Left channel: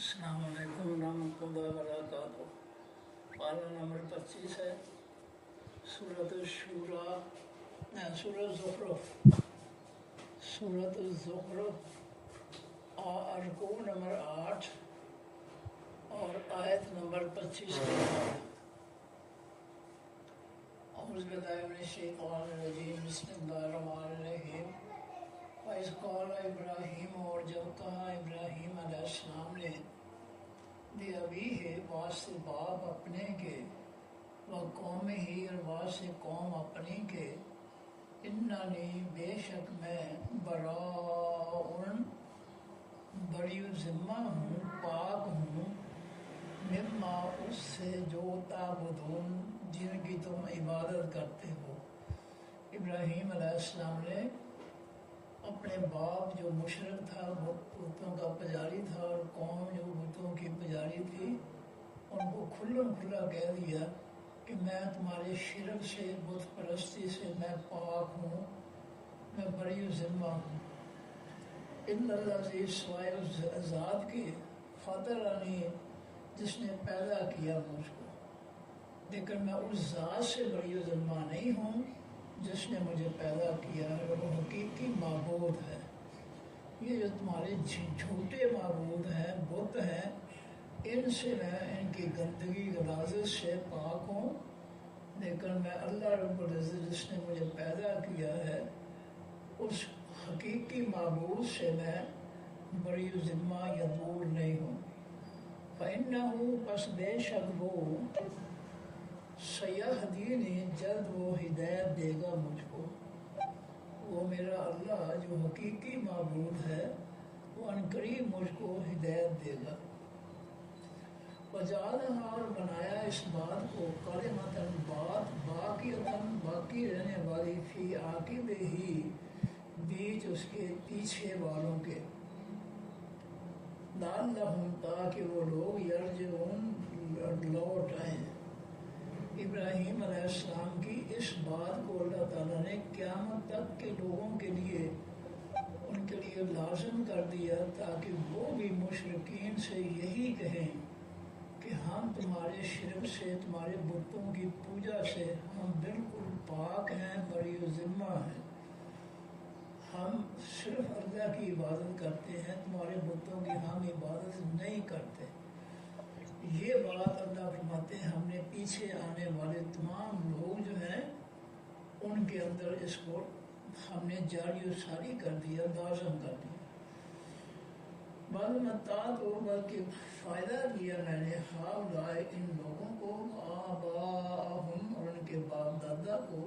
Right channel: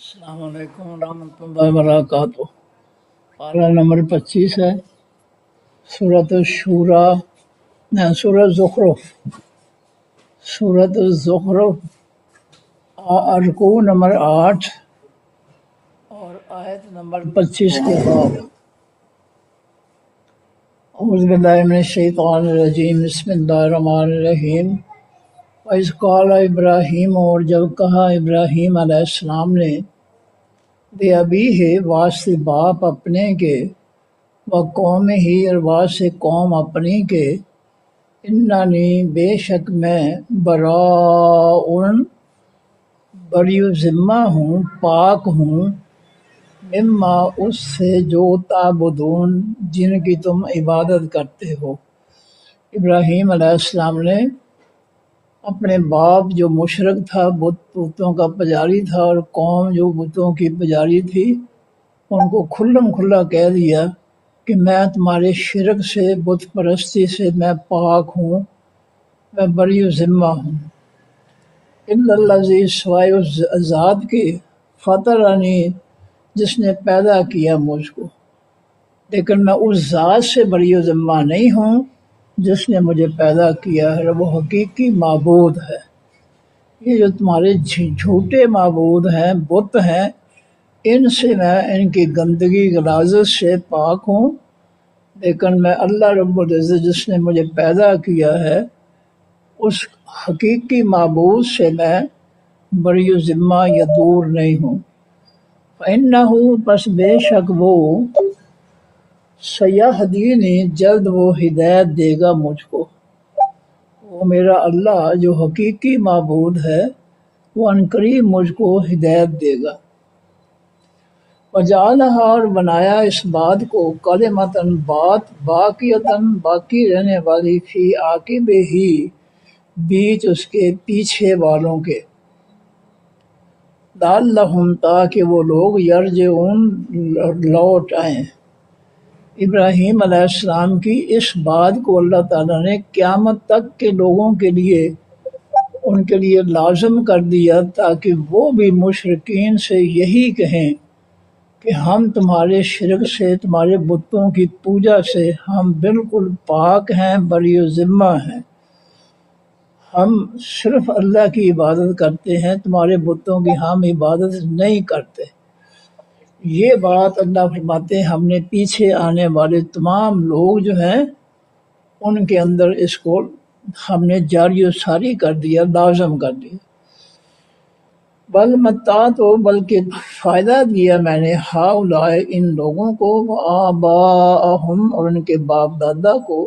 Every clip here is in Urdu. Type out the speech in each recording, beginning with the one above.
السلام علیکم ورحمۃ اللہ وبرکاتہ۔ پارہ نمبر 25 ہے، سورۃ الشورى، سورۃ زخرف، سورۃ الزخرف، رکوع نمبر 8 اور آیت نمبر 25 کے بعد۔ اعوذ باللہ من الشیطان الرجیم، بسم اللہ الرحمن الرحیم۔ وَإِذْ قَالَ ابراہیم، اور جب کہا ابراہیم علیہ السلام نے، بے ابی ہے واسطے باپ اپنے کے، و قوم ہی اور واسطے قوم اپنی کے، اننی بے شک میں براء بری ذمہ ہوں، پاک ہوں، مما اس سے جو تعبدون جن کی تم عبادت کرتے ہو۔ ابراہیم علیہ السلام نے اپنے باپ جو مشرک تھا، بتوں کا پجاری تھا، اور قوم جو بتوں کی پجاری تھی، ان کو کھلم کھلا کہہ دیا کہ میں تمہارے شرک سے، بت پرستی سے میں پاک ہوں، میں بری ذمہ ہوں۔ الا الذی، سوائے اس ذات کے، فطرنی، جس نے پیدا کیا مجھ کو، لیکن میں اس ذات سے بری ذمہ نہیں ہوں جس نے مجھے پیدا کیا ہے، وہ حقیقی معبود ہے۔ یہ جو تمہارے جھوٹے معبود ہیں، بت ہیں، ان سے میں ان کی گندگی غلاظت سے پاک ہوں، لیکن میں اللہ رب العزت جس نے مجھے پیدا کیا ہے، اس حقیقی معبود سے میں بری ذمہ یا دور نہیں ہوں۔ فإنہ، پس بے شک وہ، سیہدینی، جلد وہ ہدایت دے گا مجھ کو۔ وہ میرا اللہ جو حقیقی معبود ہے، وہ عنقریب مجھ کو ہدایت دے گا۔ وجعلہا، اور بنایا اس بات کو، کلمۃً، بات، باقیۃً، باقی رہنے والی، فی عاقبہ، بیچ اس کے پیچھے والوں کے، لعلہم، تاکہ وہ لوگ، یرجعون، لوٹ آئیں۔ ابراہیم علیہ السلام کی اس بات کو اللہ تعالیٰ نے قیامت تک کے لوگوں کے لیے، ان کے لیے لازم کر دیا، تاکہ وہ بھی مشرکین سے یہی کہیں کہ ہم تمہارے شرک سے، تمہارے بتوں کی پوجا سے ہم بالکل پاک ہیں، بری ذمہ ہیں، ہم صرف اللہ کی عبادت کرتے ہیں، تمہارے بتوں کی ہم عبادت نہیں کرتے۔ یہ بات اللہ فرماتے ہیں ہم نے پیچھے آنے والے تمام لوگ جو ہیں ان کے اندر اس کو ہم نے جاری و ساری کر دیا، لازم کر دیا۔ بل متعت، بلکہ فائدہ دیا میں نے، ہؤلاء، ان لوگوں کو، وآباءہم، اور ان کے باپ دادا کو،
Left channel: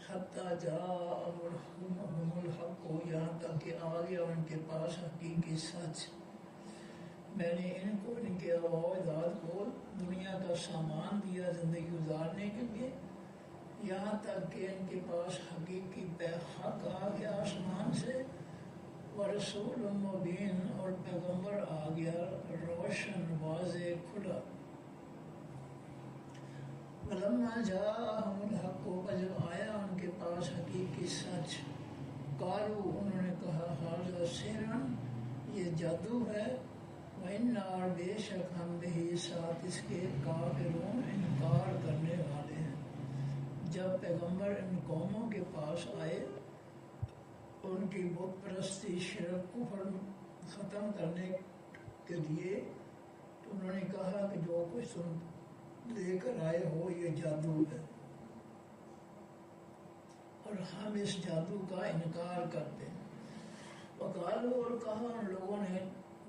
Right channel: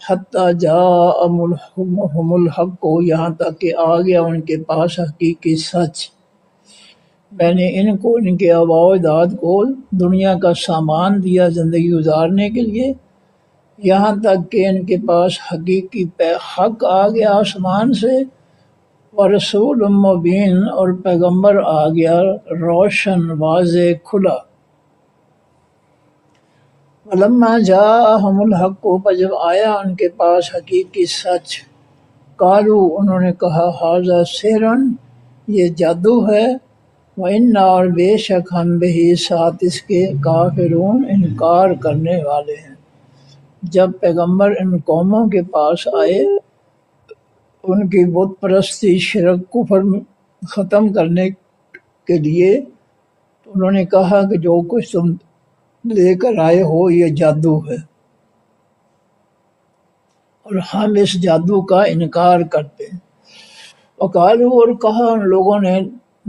حتی جاءہم الحق کو، یہاں تک کہ آ گیا ان کے پاس حقیقی سچ۔ میں نے ان کو، ان کے آباء و اجداد کو، دنیا کا سامان دیا زندگی گزارنے کے لیے، یہاں تک کہ ان کے پاس حقیقی حق آ گیا آسمان سے، ورسول مبین، اور پیغمبر آ گیا روشن، واضح، کھلا۔ ولما جاءہم الحق، پر جب آیا ان کے پاس حقیقی سچ، قالوا، انہوں نے کہا، ھذا سحر، یہ جادو ہے، وإنا، اور بے شک ہم بہ، ساتھ اس کے، کافرون، انکار کرنے والے ہیں۔ جب پیغمبر ان قوموں کے پاس آئے، ان کی بت پرستی، شرک، کفر ختم کرنے کے لیے، تو انہوں نے کہا کہ جو کچھ تم لے کر آئے ہو یہ جادو ہے، اور ہم اس جادو کا انکار کرتے ہیں۔ وقالوا، اور کہا ان لوگوں نے،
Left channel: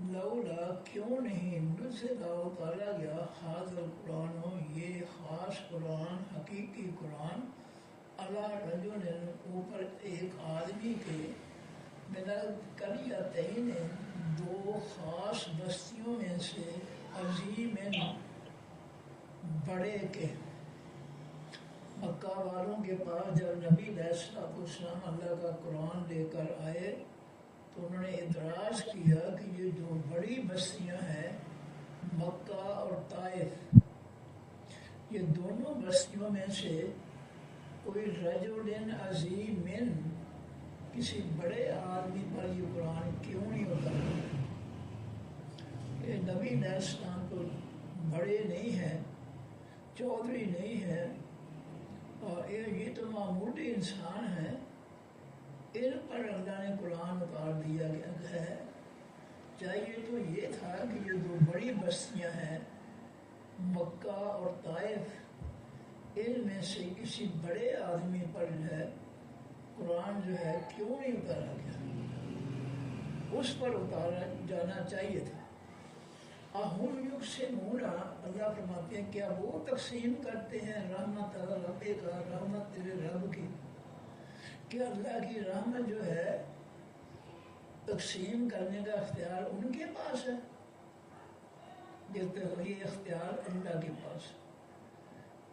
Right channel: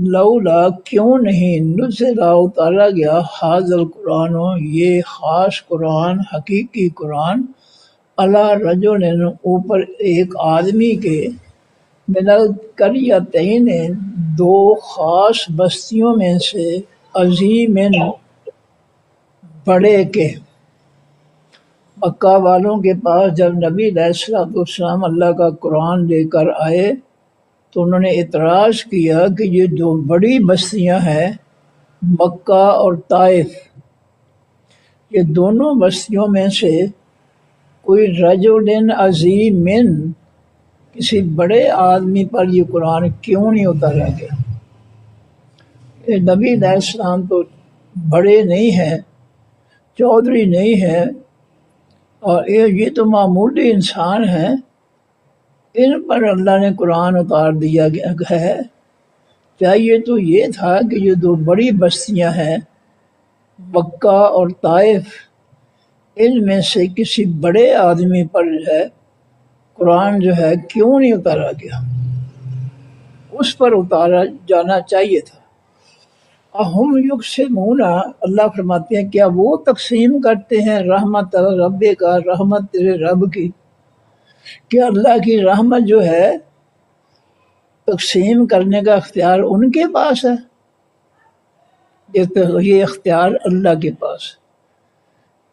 لولا، کیوں نہیں، نزل، اتارا گیا، ھذا القرآن، یہ خاص قرآن، حقیقی قرآن، علی رجل، اوپر ایک آدمی کے، من القریتین، دو خاص بستیوں میں سے، عظیم، بڑے کے۔ مکہ والوں کے پاس جب نبی علیہ السلام اللہ کا قرآن لے کر آئے تو انہوں نے اعتراض کیا کہ یہ دو بڑی بستیاں ہیں، مکہ اور طائف، یہ دونوں بستیوں میں سے کوئی رجل عظیم، کسی بڑے آدمی پر یہ قرآن کیوں نہیں اتارا گیا؟ کہ نبی علیہ السلام تو بڑے نہیں ہیں، چودھری نہیں ہیں، اور یہ تو معمولی انسان ہیں، ان پر اللہ نے قرآن اتار دیا گیا ہے۔ چاہیے تو یہ تھا کہ یہ دو بڑی بستیاں ہیں مکہ اور طائف، ان میں سے کسی بڑے آدمی پر جو ہے قرآن جو ہے کیوں نہیں اتارا گیا، اس پر اتارا جانا چاہیے تھا۔ اہم یقسمون، اللہ فرماتے ہیں کیا وہ تقسیم کرتے ہیں رحمت رب کا، رحمت تیرے رب کی، کہ اللہ کی رحمت جو ہے تقسیم کرنے کا اختیار ان کے پاس ہے؟ یہ اختیار اللہ کے پاس،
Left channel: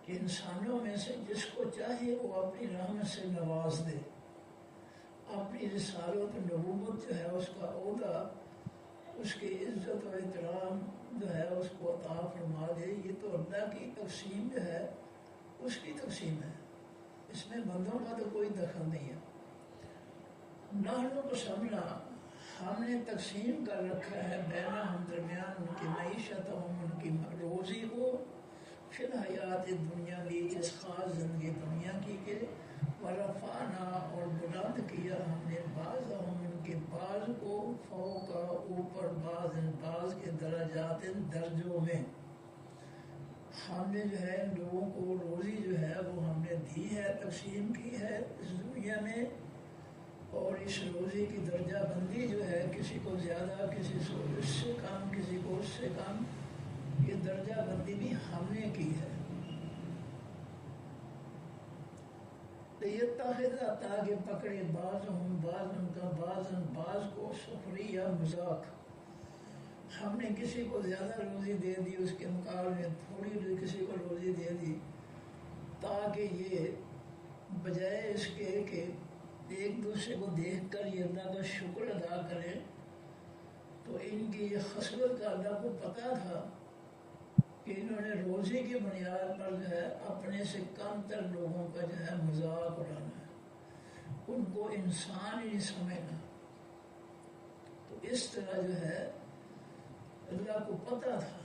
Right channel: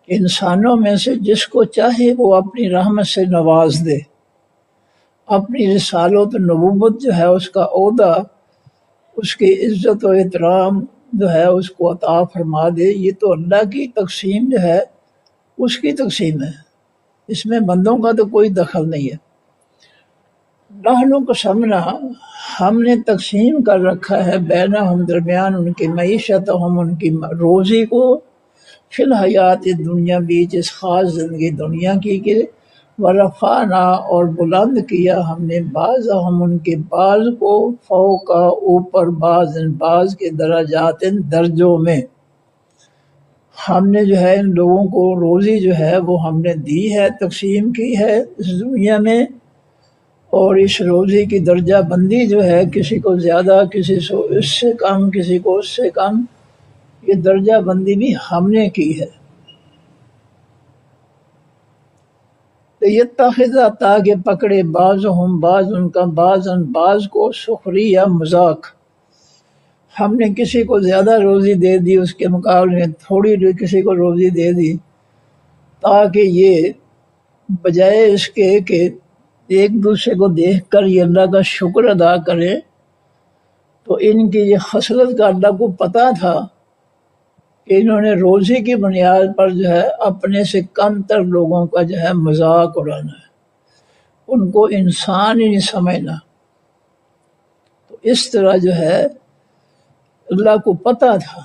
انسانوں میں سے جس کو چاہے وہ اپنی رحمت سے نواز دے، اپنی رسالت و نبوت جو ہے اس کا عہدہ، اس کی عزت و احترام جو ہے اس کو عطا فرما دے۔ یہ تو اللہ کی تقسیم جو ہے اس کی تقسیم ہے، اس میں بندوں کا تو کوئی دخل نہیں ہے۔ نحن قسمنا، ہم نے تقسیم کر رکھا ہے بینہم، درمیان ان کی معیشت، ہم ان کی روزی کو، فی الحیات دنیا، بیچ اس خاص زندگی دنیا کی، کہ ورفعنا، اور بلند کیا ہم نے بعض ہم ان کے بعض کو، فوق اوپر، بعض کے درجات درجوں میں۔ ہم نے جو ہے ان لوگوں کو روزی جو ہے وہ ہم نے دی ہے، تقسیم کی ہے اس دنیا میں، اور اس روزی کی درجہ بندی جو ہے کسی کو زیادہ، کسی کو اس سے کم، کسی کو اس سے کم، یہ درجہ بندی بھی ہم نے کی ہے۔ یتخذ، تاکہ پکڑے بعضہم، بعض ان کا، بعض کو، سخریہ، مذاق۔ ہم نے کسی کو زیادہ روزی دے دی، اس کے مقابلے میں تھوڑی کسی کو روزی دے دی، تاکہ یہ بجائے اس کے کہ ایک دوسرے کو دیکھ کر یہ اللہ کا شکر ادا کرے، تو ان کی یہ خصلت کا اللہ کو پتہ تھا کہ انہوں نے روزی کی بنیاد پر جو ہے اپنے سے کم تر لوگوں کا جو ہے مذاق اڑانا ہے، ان کو انسان ہی نہیں سمجھنا۔ تو اس طرح جو ہے اللہ کو پتہ تھا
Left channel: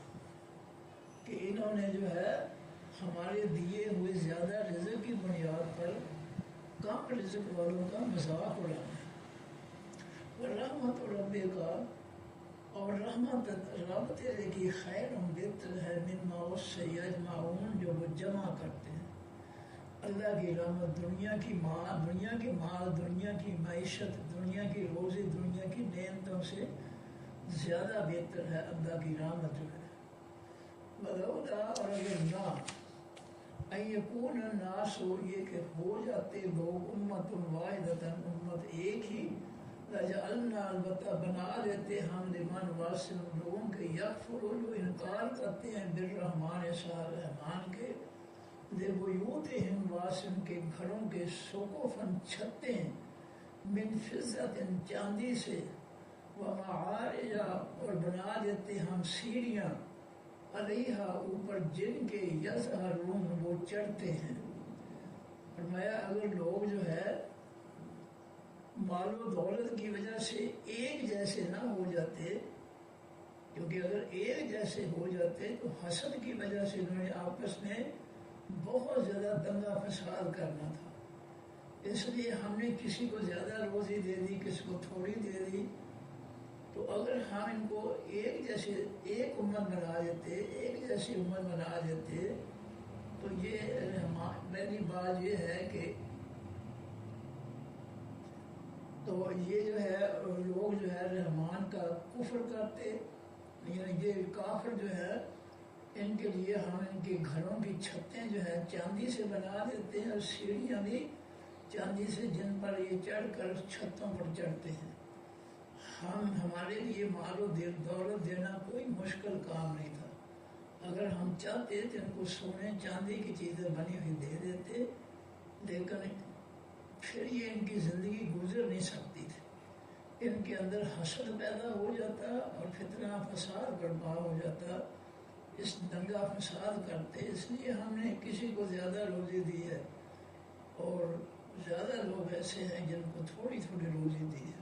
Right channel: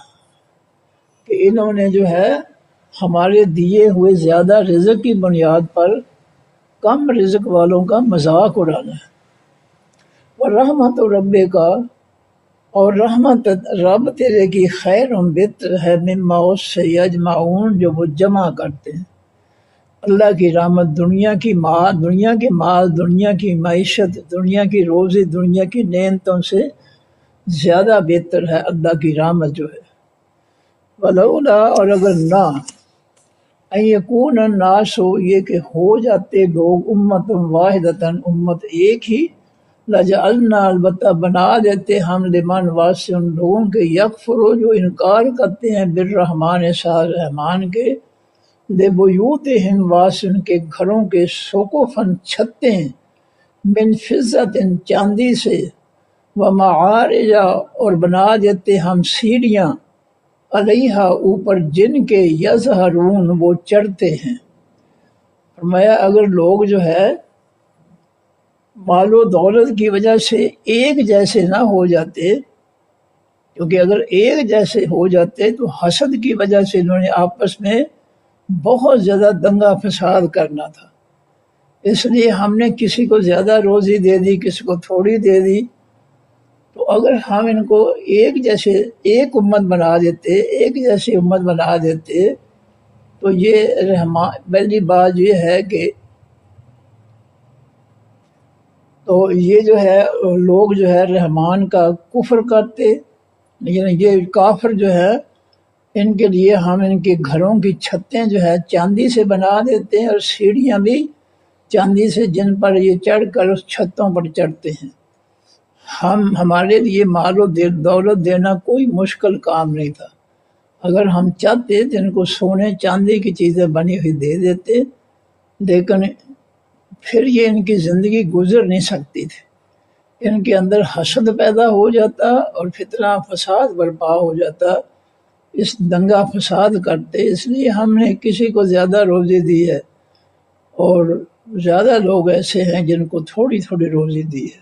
کہ انہوں نے جو ہے ہمارے دیے ہوئے زیادہ رزق کی بنیاد پر کم رزق والوں کا مذاق اڑانا ہے۔ اور رحمت رب کا، اور رحمت رب تیرے کی، خیر بہتر ہے، مما اس سے، یجمعون جو وہ جمع کرتے ہیں۔ اللہ کی رحمت دنیا کی مال، دنیا کی معیشت، دنیا کی روزی، دنیا کی نعمتوں سے زیادہ بہتر ہے اللہ کی رحمت جو ہے۔ ولولا، اور اگر نہ، ان یکون الناس، یہ کہ ہو جاتے لوگ، امت واحدۃ، امت ایک ہی، لجعلنا، البتہ بنا دیتے ہم، لمن، واسطے ان لوگوں کے، یکفروا، جو انکار کرتے ہیں، بالرحمن، ساتھ رحمان کے، لبیوتہم، واسطے ان کے گھروں کے، سقفاً، چھتیں، من فضۃ، چاندی سے، ومعارج، اور بنا دیتے ہم سیڑھیاں، علیہا، اوپر، جن کے، یظہرون، وہ چڑھتے ہیں۔ فرمایا اگر لوگ جو ہے مال و دولت کی وجہ سے ایک جیسے نہ ہو جاتے، کیونکہ اگر ایک جیسے ہو جاتے تو حسد کی وجہ سے انہوں نے آپس میں بہت زیادہ دنگا فساد کرنا تھا، اس لیے ہم نے کسی کو زیادہ روزی دے دی، کسی کو تھوڑی دے دی۔ تو اگر ہم ان کو ایک جیسے، ایک امت بنا دیتے، ایک جیسی امت بنا دیتے، تو یہ پہلی بات یہ ہے کہ تو یہ جو ہے لوگ جو ہے رحمان کا کفر کرتے، یعنی یہ کافر جو ہے ان کے لیے ہم ان کے گھروں کی چھتیں جو ہے چاندی سے بنا دیتے ہیں، اور سیڑھیاں بھی چاندی سے، جن پر یہ چڑھ کر اس چھتوں پر چڑھتے ہیں۔ ہمارے لیے مال و دولت دینا کوئی مشکل کام نہیں تھا، اگر ہم چاہتے تو ان کو سونے چاندی کی چیزیں بنی ہوئی دے دیتے، لیکن پھر یہ ان کی زندگی گزر نہیں سکتی تھی، ان کے اندر حسد پیدا ہو جاتا اور فتنہ فساد برپا ہو جاتا، اس دنگا فساد کرتے۔ اس لیے ہم نے کسی کو زیادہ روزی دی ہے، اور زیادہ لوگ ایسے ہیں جن کو تھوڑی تھوڑی روزی دی ہے۔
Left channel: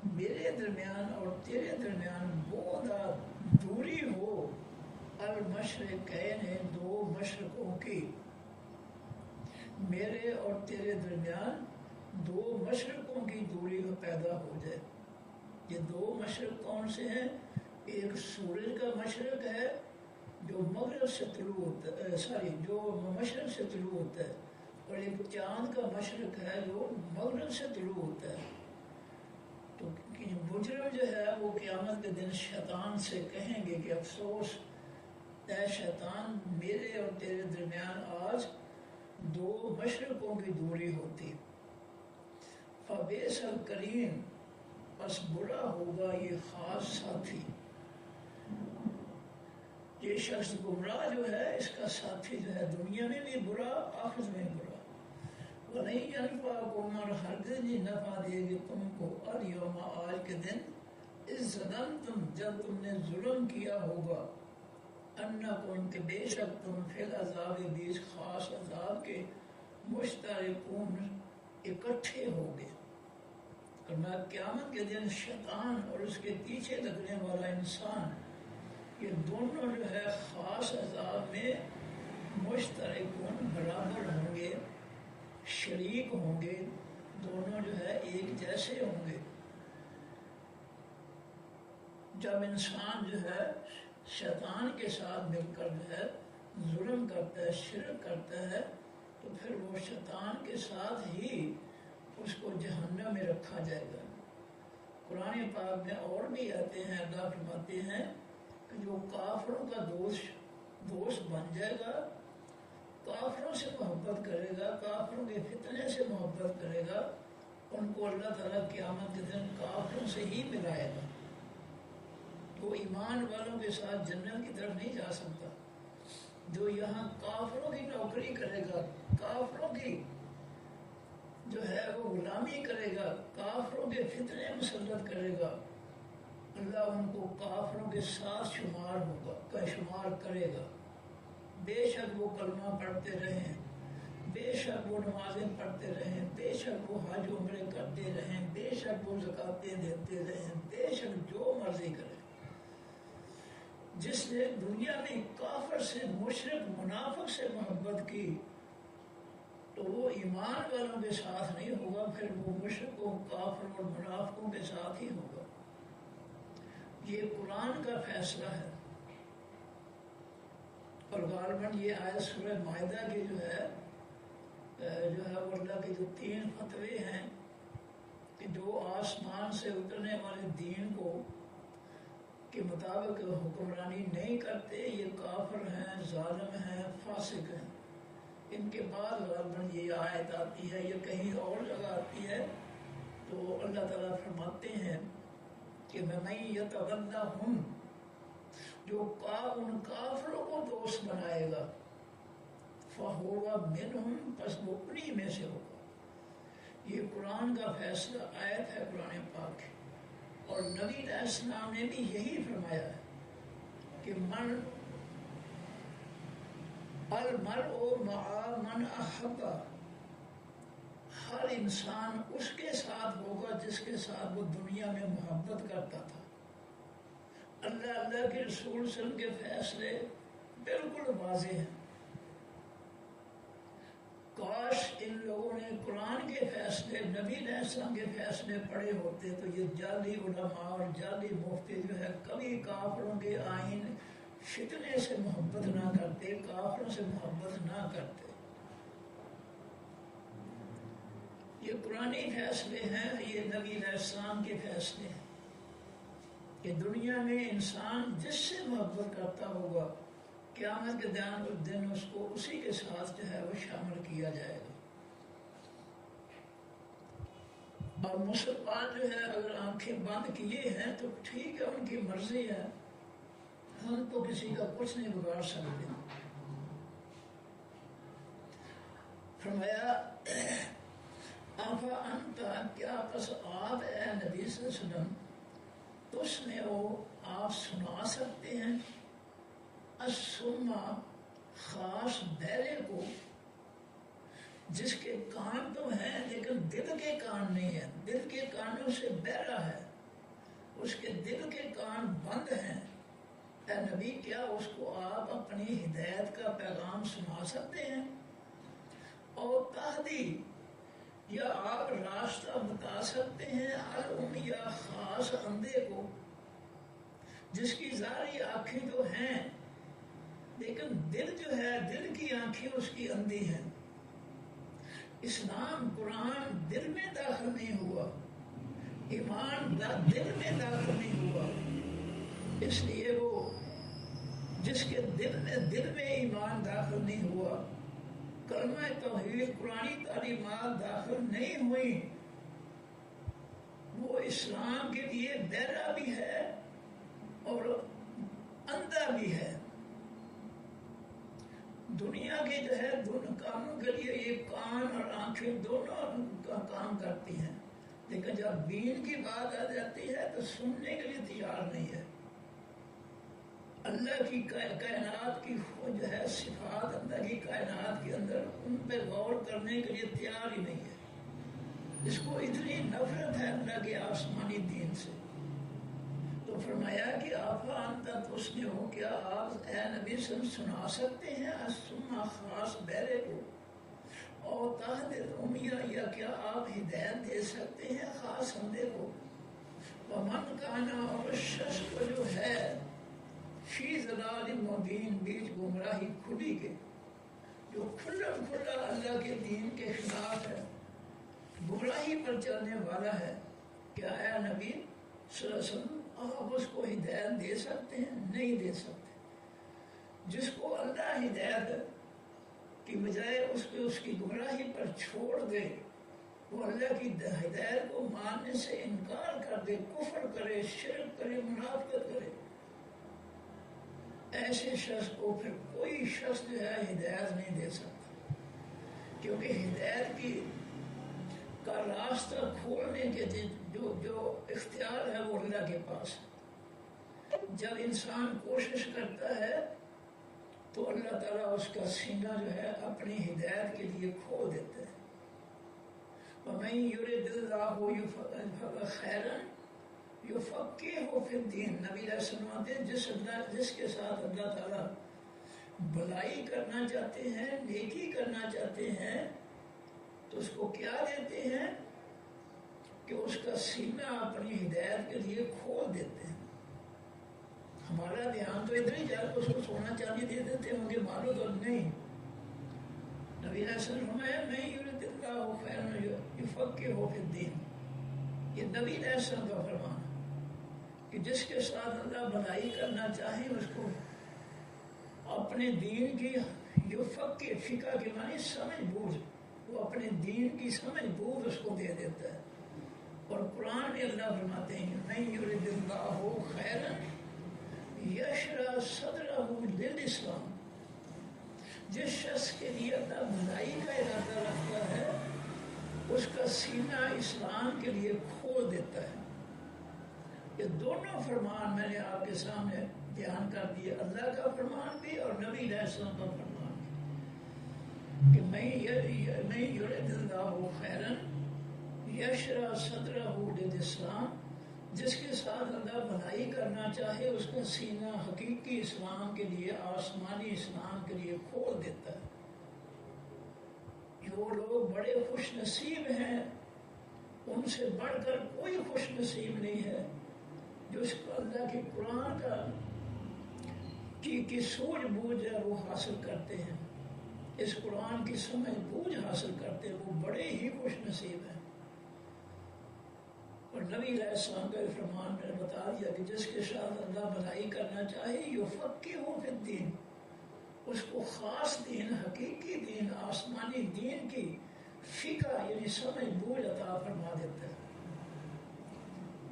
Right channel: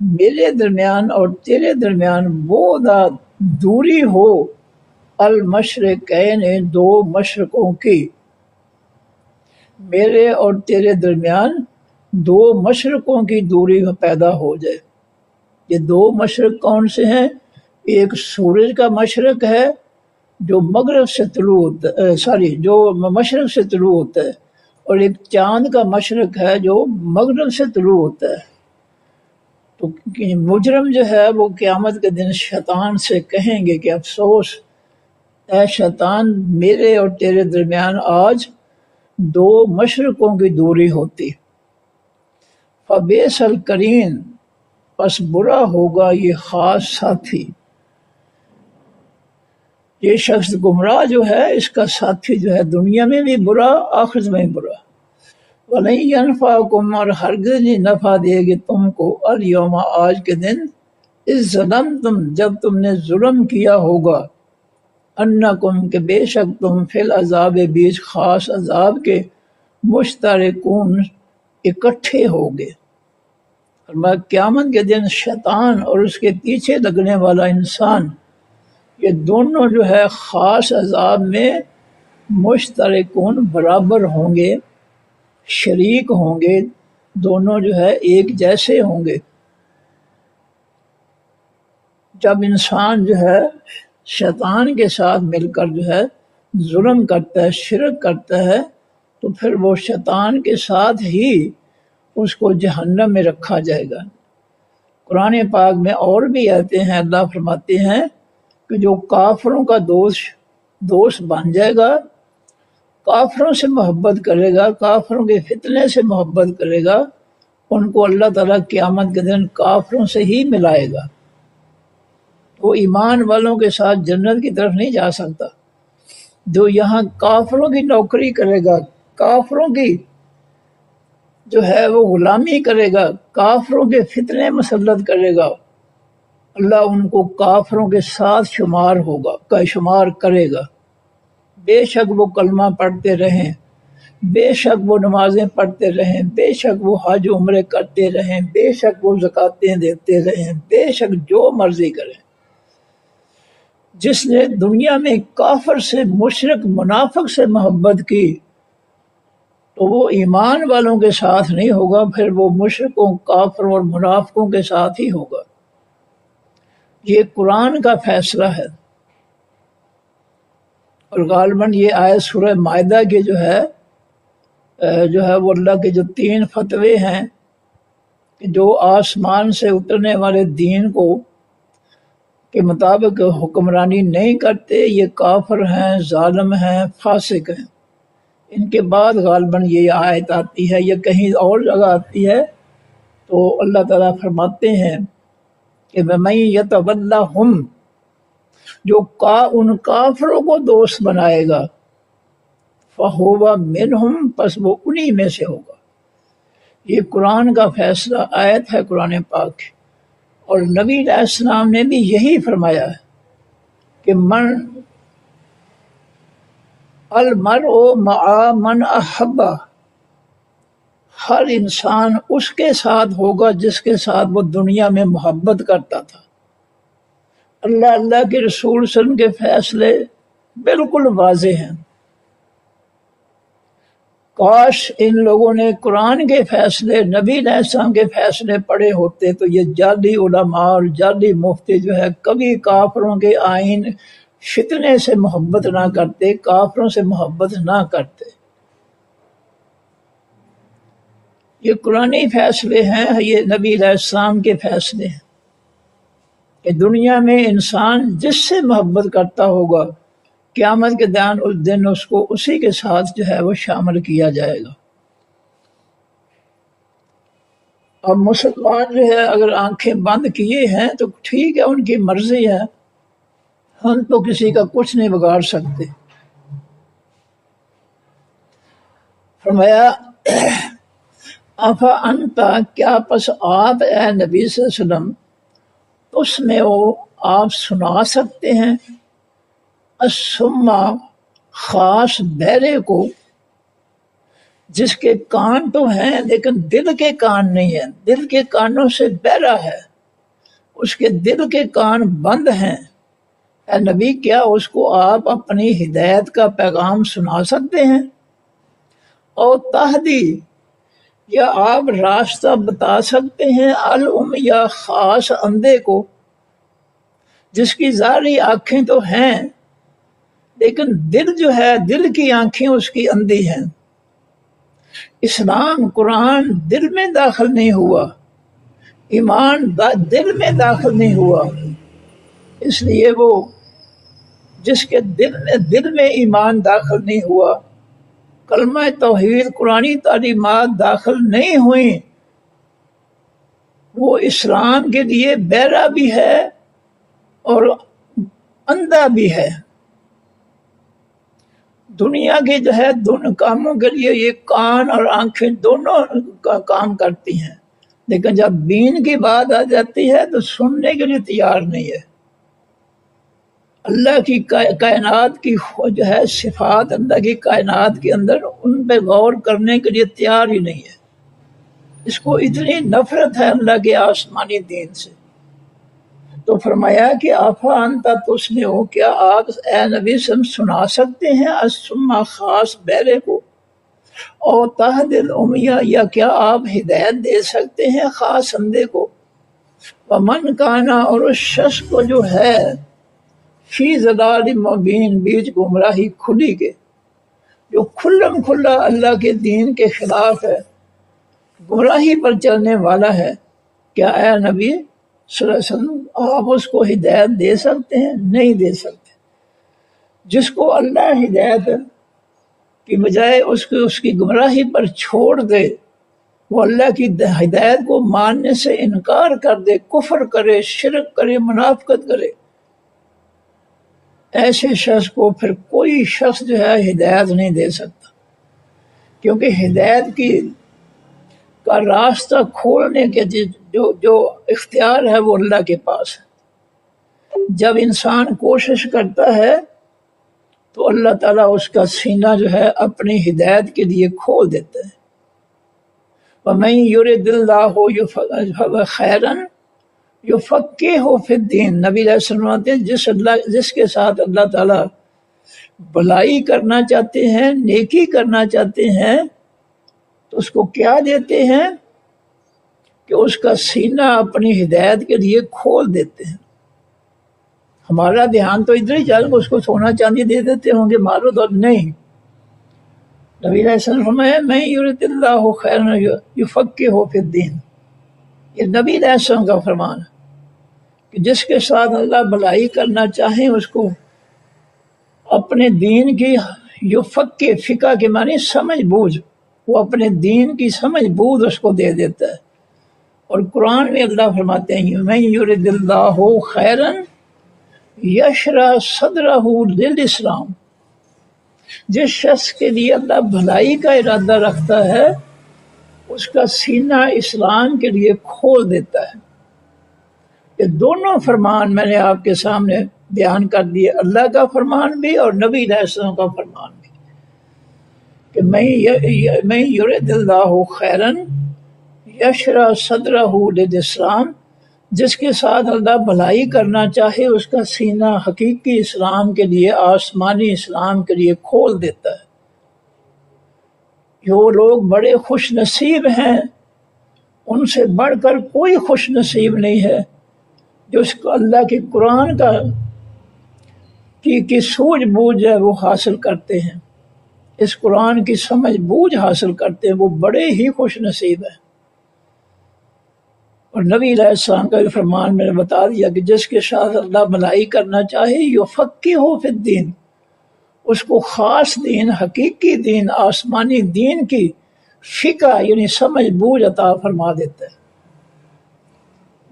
میرے درمیان اور تیرے درمیان وہ دوری ہو المشرقین، دو مشرقوں کی، میرے اور تیرے درمیان دو مشرقوں کی دوری پیدا ہو جائے۔ یہ دو مشرق کون سے ہیں؟ ایک سورج کا مشرق ہے جو مغرب سے طلوع ہوتا ہے، جو مشرق سے طلوع ہوتا ہے، اور ایک چاند کا مشرق ہے جو مغرب سے طلوع ہوتا ہے۔ تو مجرم جو ہے وہ قیامت کے دن شیطان سے کہیں گے کہ افسوس اے شیطان، میرے اور تیرے درمیان آج دو مشرقوں کی دوری ہوتی۔ فبئس القرین، پس برا ہوگا یہ خاص ساتھی۔ یہ شخص گمراہ جو ہے اس کا ساتھی جو ہے دنیا میں بھی برا، آخرت میں بھی برا۔ وَلَن يَنفَعَكُمْ، اور ہرگز نہیں نفع دے گی تم کو، الیوم، آج کے دن، اذ ظلمتم، جب تم نے ظلم کیا ہوگا، انکم، کہ بے شک تم، فی العذاب، بیچ خاص عذاب کے، مشترکون، اکٹھے ہوگے۔ اور قیامت کے دن شیطان اور اس کے پیچھے لگنے والا انسان، یہ دونوں جو ہے خاص عذاب میں مشترکون، برابر ہوں گے، شریک ہوں گے، دونوں جو ہے ایک جیسے ہوں گے۔ جب انسان جو ہے شیطان کے ساتھ مل کر جو ہے ظلم کرتا ہے، شرک کرتا ہے، تو پھر وہ شیطان کے ساتھ ہی اس کو جہنم میں رکھا جائے گا۔ قرآن پاک میں اور بھی آتے ہیں، اللہ فرماتے ہیں کہ جو کافروں کا دوست بن جائے گا، کافروں سے محبت کرے گا، کافروں کے فتنے سے محبت کرے گا، ان کو اللہ تعالیٰ قیامت کے دن کافروں سے ہی ملائے گا۔ وہ ایمان والوں کے ساتھ جنت کی طرف نہیں جا سکتا۔ جو یہاں کافروں کی نوکری کرے گا، کافروں کی جو ہے وہ غلامی کرے گا، کافروں کے فتنے مسلط کرے گا، اللہ ان کو کافروں کے ساتھ شمار کرے گا۔ بے شک وہ کلمہ پڑھتے رہیں، بے شک وہ نمازیں پڑھتے رہیں، بے شک وہ حج عمرے کرتے رہیں، بے شک وہ زکاتیں دیتے رہیں، بے شک جو مرضی کریں۔ جس نے دنیا میں کافر سے، مشرک، منافق سے محبت کی تو وہ ایمان والوں کے ساتھ نہیں ہوگا، پھر وہ مشرکوں، کافروں اور منافقوں کے ساتھ ہی ہوگا۔ یہ قرآن کا فیصلہ ہے۔ اور غالباً یہ آیت سورہ مائدہ کے جو ہے وہ اللہ کے جو 3 فتوے ہیں کہ جو آسمان سے اترنے والے دین کے مطابق حکمرانی نہیں کرتے، یہ کافر ہیں، ظالم ہیں، فاسق ہیں۔ ان کے بعد غالباً یہ آیت آتی ہے، یا کہیں اور جگہ آتی ہے، تو اللہ تعالیٰ فرماتے ہیں کہ وَمَن يَتَوَلَّهُمْ، جو ان کافروں کو دوست بنائے گا، فَهُوَ مِنْهُمْ، پس وہ انہی میں سے ہوگا۔ یہ قرآن کا فیصلہ آیت ہے قرآن پاک، اور نبی علیہ السلام نے بھی یہی فرمایا ہے کہ المرء مع من احب، ہر انسان اس کے ساتھ ہوگا جس کے ساتھ وہ دنیا میں محبت کرتا تھا۔ اللہ کے رسول صلی اللہ علیہ وسلم کے فیصلے بالکل واضح ہیں۔ کاش ان لوگوں نے قرآن کے فیصلے، نبی علیہ السلام کے فیصلے پڑھے ہوتے تو یہ جعلی علماء اور جعلی مفتی جو ہے کبھی کافروں کے آئین، فتنے سے محبت نہ کرتے، کافروں سے محبت نہ کرتے۔ یہ قرآنی فیصلے ہیں، یہ نبی علیہ السلام کے فیصلے ہیں کہ دنیا میں انسان جس سے محبت کرتا ہوگا، قیامت کے دن اس کو اسی کے ساتھ جو ہے وہ شامل کیا جائے گا۔ اب مسلمان جو ہے اگر آنکھیں بند کیے ہیں تو ٹھیک ہے، ان کی مرضی ہے، ہم تو کسی کا کچھ نہیں بگاڑ سکتے۔ فرمایا افا انتا، کیا پس آپ اے نبی صلی اللہ علیہ وسلم، اس میں وہ آپ سنا سکتے ہیں السما، خاص بہرے کو، جس کے کان تو ہیں لیکن دل کے کان نہیں ہیں، دل کے کانوں سے بہرا ہے، اس کے دل کے کان بند ہیں۔ اے نبی، کیا اس کو آپ اپنی ہدایت کا پیغام سنا سکتے ہیں؟ اور تہدی، یا آپ راستہ بتا سکتے ہیں یا خاص اندھے کو، جس کی ظاہری آنکھیں تو ہیں لیکن دل جو ہے، دل کی آنکھیں اس کی اندھی ہیں۔ اسلام، قرآن دل میں داخل نہیں ہوا، ایمان دل میں داخل نہیں ہوا، اس لیے وہ جس کے دل میں ایمان داخل نہیں ہوا، کلمہ توحید قرآنی تعلیمات داخل نہیں ہوئیں، وہ اسلام کے لیے بہرا بھی ہے اور اندھا بھی ہے۔ دنیا کے جو ہے دونوں کاموں کے لیے یہ کان اور آنکھیں دونوں کا کام کرتی ہیں، لیکن جب دین کی بات آ جاتی ہے تو سننے کے لیے تیار نہیں ہے۔ اللہ کی کائنات کی جو ہے صفات، اللہ کی کائنات کے اندر ان پہ غور کرنے کے لیے تیار ہی نہیں ہے۔ اس کو اتنی نفرت ہے اللہ کے آسمانی دین سے۔ تو فرمایا کہ آفا انتا تسمعو، کیا آپ اے نبی سنا سکتے ہیں الصم خاص بہرے کو، اور تہدی العمیٰ، یا کیا آپ ہدایت دے سکتے ہیں خاص اندھے کو، ومن کانا، اور اس شخص کو جو ہے فی ضلال مبین، بیچ گمراہی کھلی کے، جو کھلم کھلا اللہ کے دین کے خلاف ہے، گمراہی پر چلنے والا ہے، کیا اے نبی صلی اللہ علیہ وسلم آپ اس کو ہدایت دے سکتے ہیں؟ نہیں دے سکتے۔ جس کو اللہ ہدایت کی بجائے اس کی گمراہی پر چھوڑ دے، وہ اللہ کی ہدایت کو ماننے سے انکار کر دے، کفر کرے، شرک کرے، منافقت کرے، ایسے شخص کو پھر کوئی شخص جو ہے ہدایت نہیں دے سکتا، کیونکہ ہدایت کا راستہ کھولنے کے جو اختیار ہے وہ اللہ کے پاس ہے۔ جب انسان کوشش کرتا ہے تو اللہ تعالیٰ اس کا سینہ جو ہے اپنی ہدایت کے لیے کھول دیتا ہے۔ وَمَن يُرِدِ اللَّهُ خَيْرًا يُفَقِّهْهُ فِي الدِّينِ، نبی علیہ السلام فرماتے ہیں جس کے ساتھ اللہ تعالیٰ بھلائی کرنا چاہتے ہیں، نیکی کرنا چاہتے ہیں، تو اس کو کیا دیتے ہیں کہ اس کا سینہ اپنی ہدایت کے لیے کھول دیتے ہیں۔ ہمارا دھیان تو ادھر ہی چل، اس کو سونا چاندی دے دیتے ہوں گے، مالو دولت نہیں۔ نبی علیہ السلام فرمایا من یرد اللہ خیرا یفقہہ فی الدین، یہ نبی علیہ السلام کا فرمان ہے کہ جس کے ساتھ اللہ بھلائی کرنا چاہے اس کو اپنے دین کی فقہ کے معنی سمجھ بوجھ، وہ اپنے دین کی سمجھ بوجھ اس کو دے دیتا ہے۔ اور قرآن میں اللہ فرماتے ہیں من یرد اللہ خیرا یشرح صدرہ للاسلام، جس شخص کے لیے اللہ بھلائی کا ارادہ رکھتا ہے اس کا سینہ اسلام کے لیے کھول دیتا ہے۔ یہ دونوں فرمان میں نے آپ کے سامنے بیان کر دیے، اللہ کا فرمان بھی اور نبی علیہ السلام کا فرمان بھی، کہ من یرد اللہ خیرا یشرح صدرہ للاسلام، جس کے ساتھ اللہ بھلائی کرنا چاہے اس کا سینہ حقیقی اسلام کے لیے، آسمانی اسلام کے لیے کھول دیتا ہے۔ جو لوگ بڑے خوش نصیب ہیں ان سے بڑھ کر کوئی خوش نصیب نہیں ہے جو اس کو اللہ کے قرآن کی سوجھ بوجھ ہے وہ حاصل کرتے ہیں، اس قرآن کی سمجھ بوجھ حاصل کرتے ہیں، وہ بڑے ہی خوش نصیب ہیں۔ اور نبی علیہ السلام کا بھی فرمان میں نے بتا دیا کہ جس کے ساتھ اللہ بھلائی کرنا چاہے یفقہہ فی الدین، اس کو خاص دین، حقیقی دین، آسمانی دین کی فقہ یعنی سمجھ بوجھ عطا فرما دیتا ہے۔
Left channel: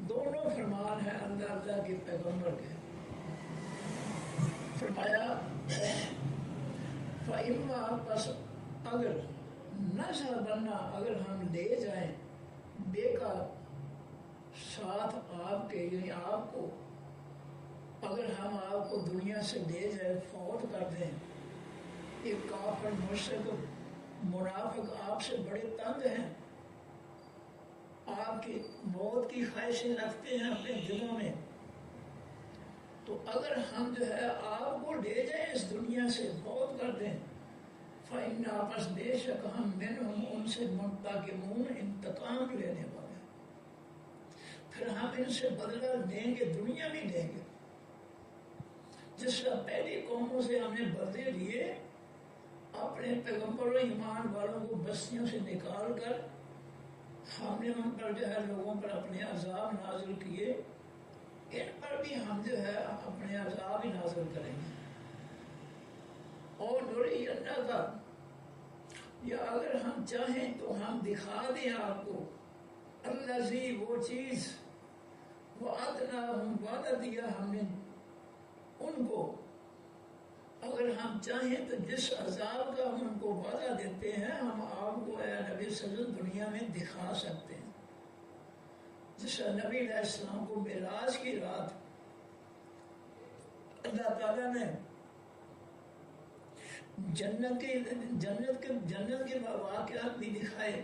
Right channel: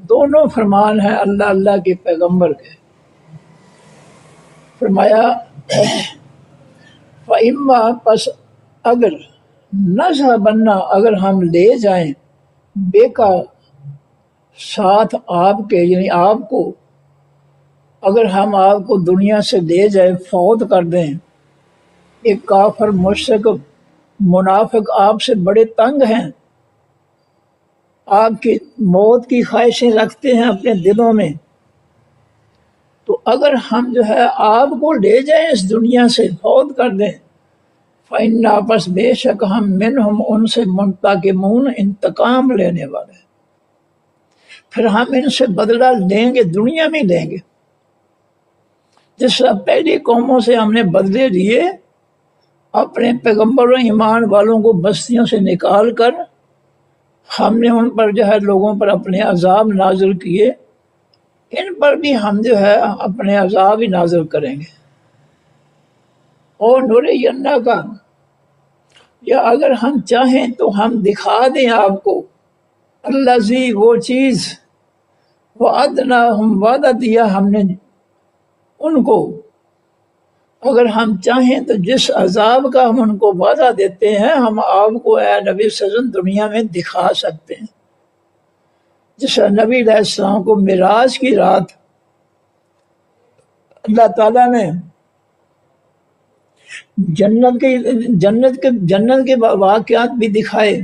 دونوں فرمان ہیں اللہ کے پیغمبر کے۔ فرمایا فَإِمَّا، پس اگر نَذْهَبَنَّ، اگر ہم لے جائیں بے کا ساتھ آپ کے، یعنی آپ کو اگر ہم آپ کو دنیا سے لے جائیں، فوت کر دیں، ایک کافر مشرک منافق آپ سے بڑے تنگ ہیں، آپ کی موت کی خواہشیں رکھتے ہیں اپنے دلوں میں، تو اگر ہم جو ہے آپ کو لے جائیں اس دنیا سے، فوت کر دیں، فَإِنَّا پس بے شک ہم منہم ان سے منتقمون انتقام لینے والے، پھر ہم ان سے بدلہ لیں گے، دنیا میں لیں گے، جس طرح پہلی قوموں سے ہم نے بدلے لیے، اپنے پیغمبروں ایمان والوں کو بستیوں سے نکال کر ہم نے ان پر جو ہے لوگوں پر اپنے عذاب نازل کیے، ان پر بھی ہم جو ہے اپنے عذاب ہی نازل کریں گے۔ اور نُرِيَنَّكَ کا، یا اگر ہم چاہیں تو ہم دکھا دیں آپ کو، الذی وہ چیز، وعدناہم وعدہ دیا ہم نے ان کو، اگر ہم چاہیں تو جس عذاب کا ہم ان کو وعدہ دیتے ہیں ہم آپ کو اے نبی صلی اللہ علیہ وسلم دنیا میں دکھا سکتے ہیں۔ جس نبی علیہ السلام کو معراج کی رات اللہ تعالیٰ نے جنت کے واقعات بھی دکھائے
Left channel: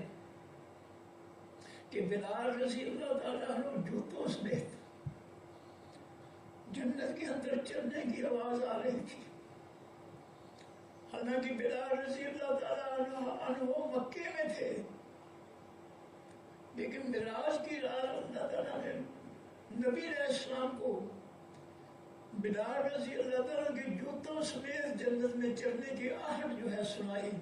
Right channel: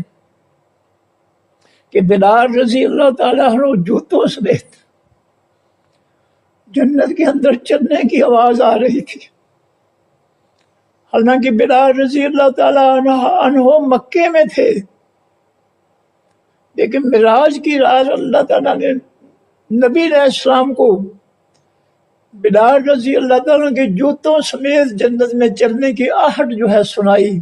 کہ بلال رضی اللہ تعالیٰ عنہ جوتوں سمیت جنت کے اندر چلنے کی آواز آ رہی تھی، حالانکہ بلال رضی اللہ تعالیٰ عنہ مکے میں تھے، لیکن معراج کی رات اللہ تعالیٰ نے نبی علیہ السلام کو بلال رضی اللہ تعالیٰ کے جوتوں سمیت جنت میں چلنے کی آہٹ جو ہے سنائی،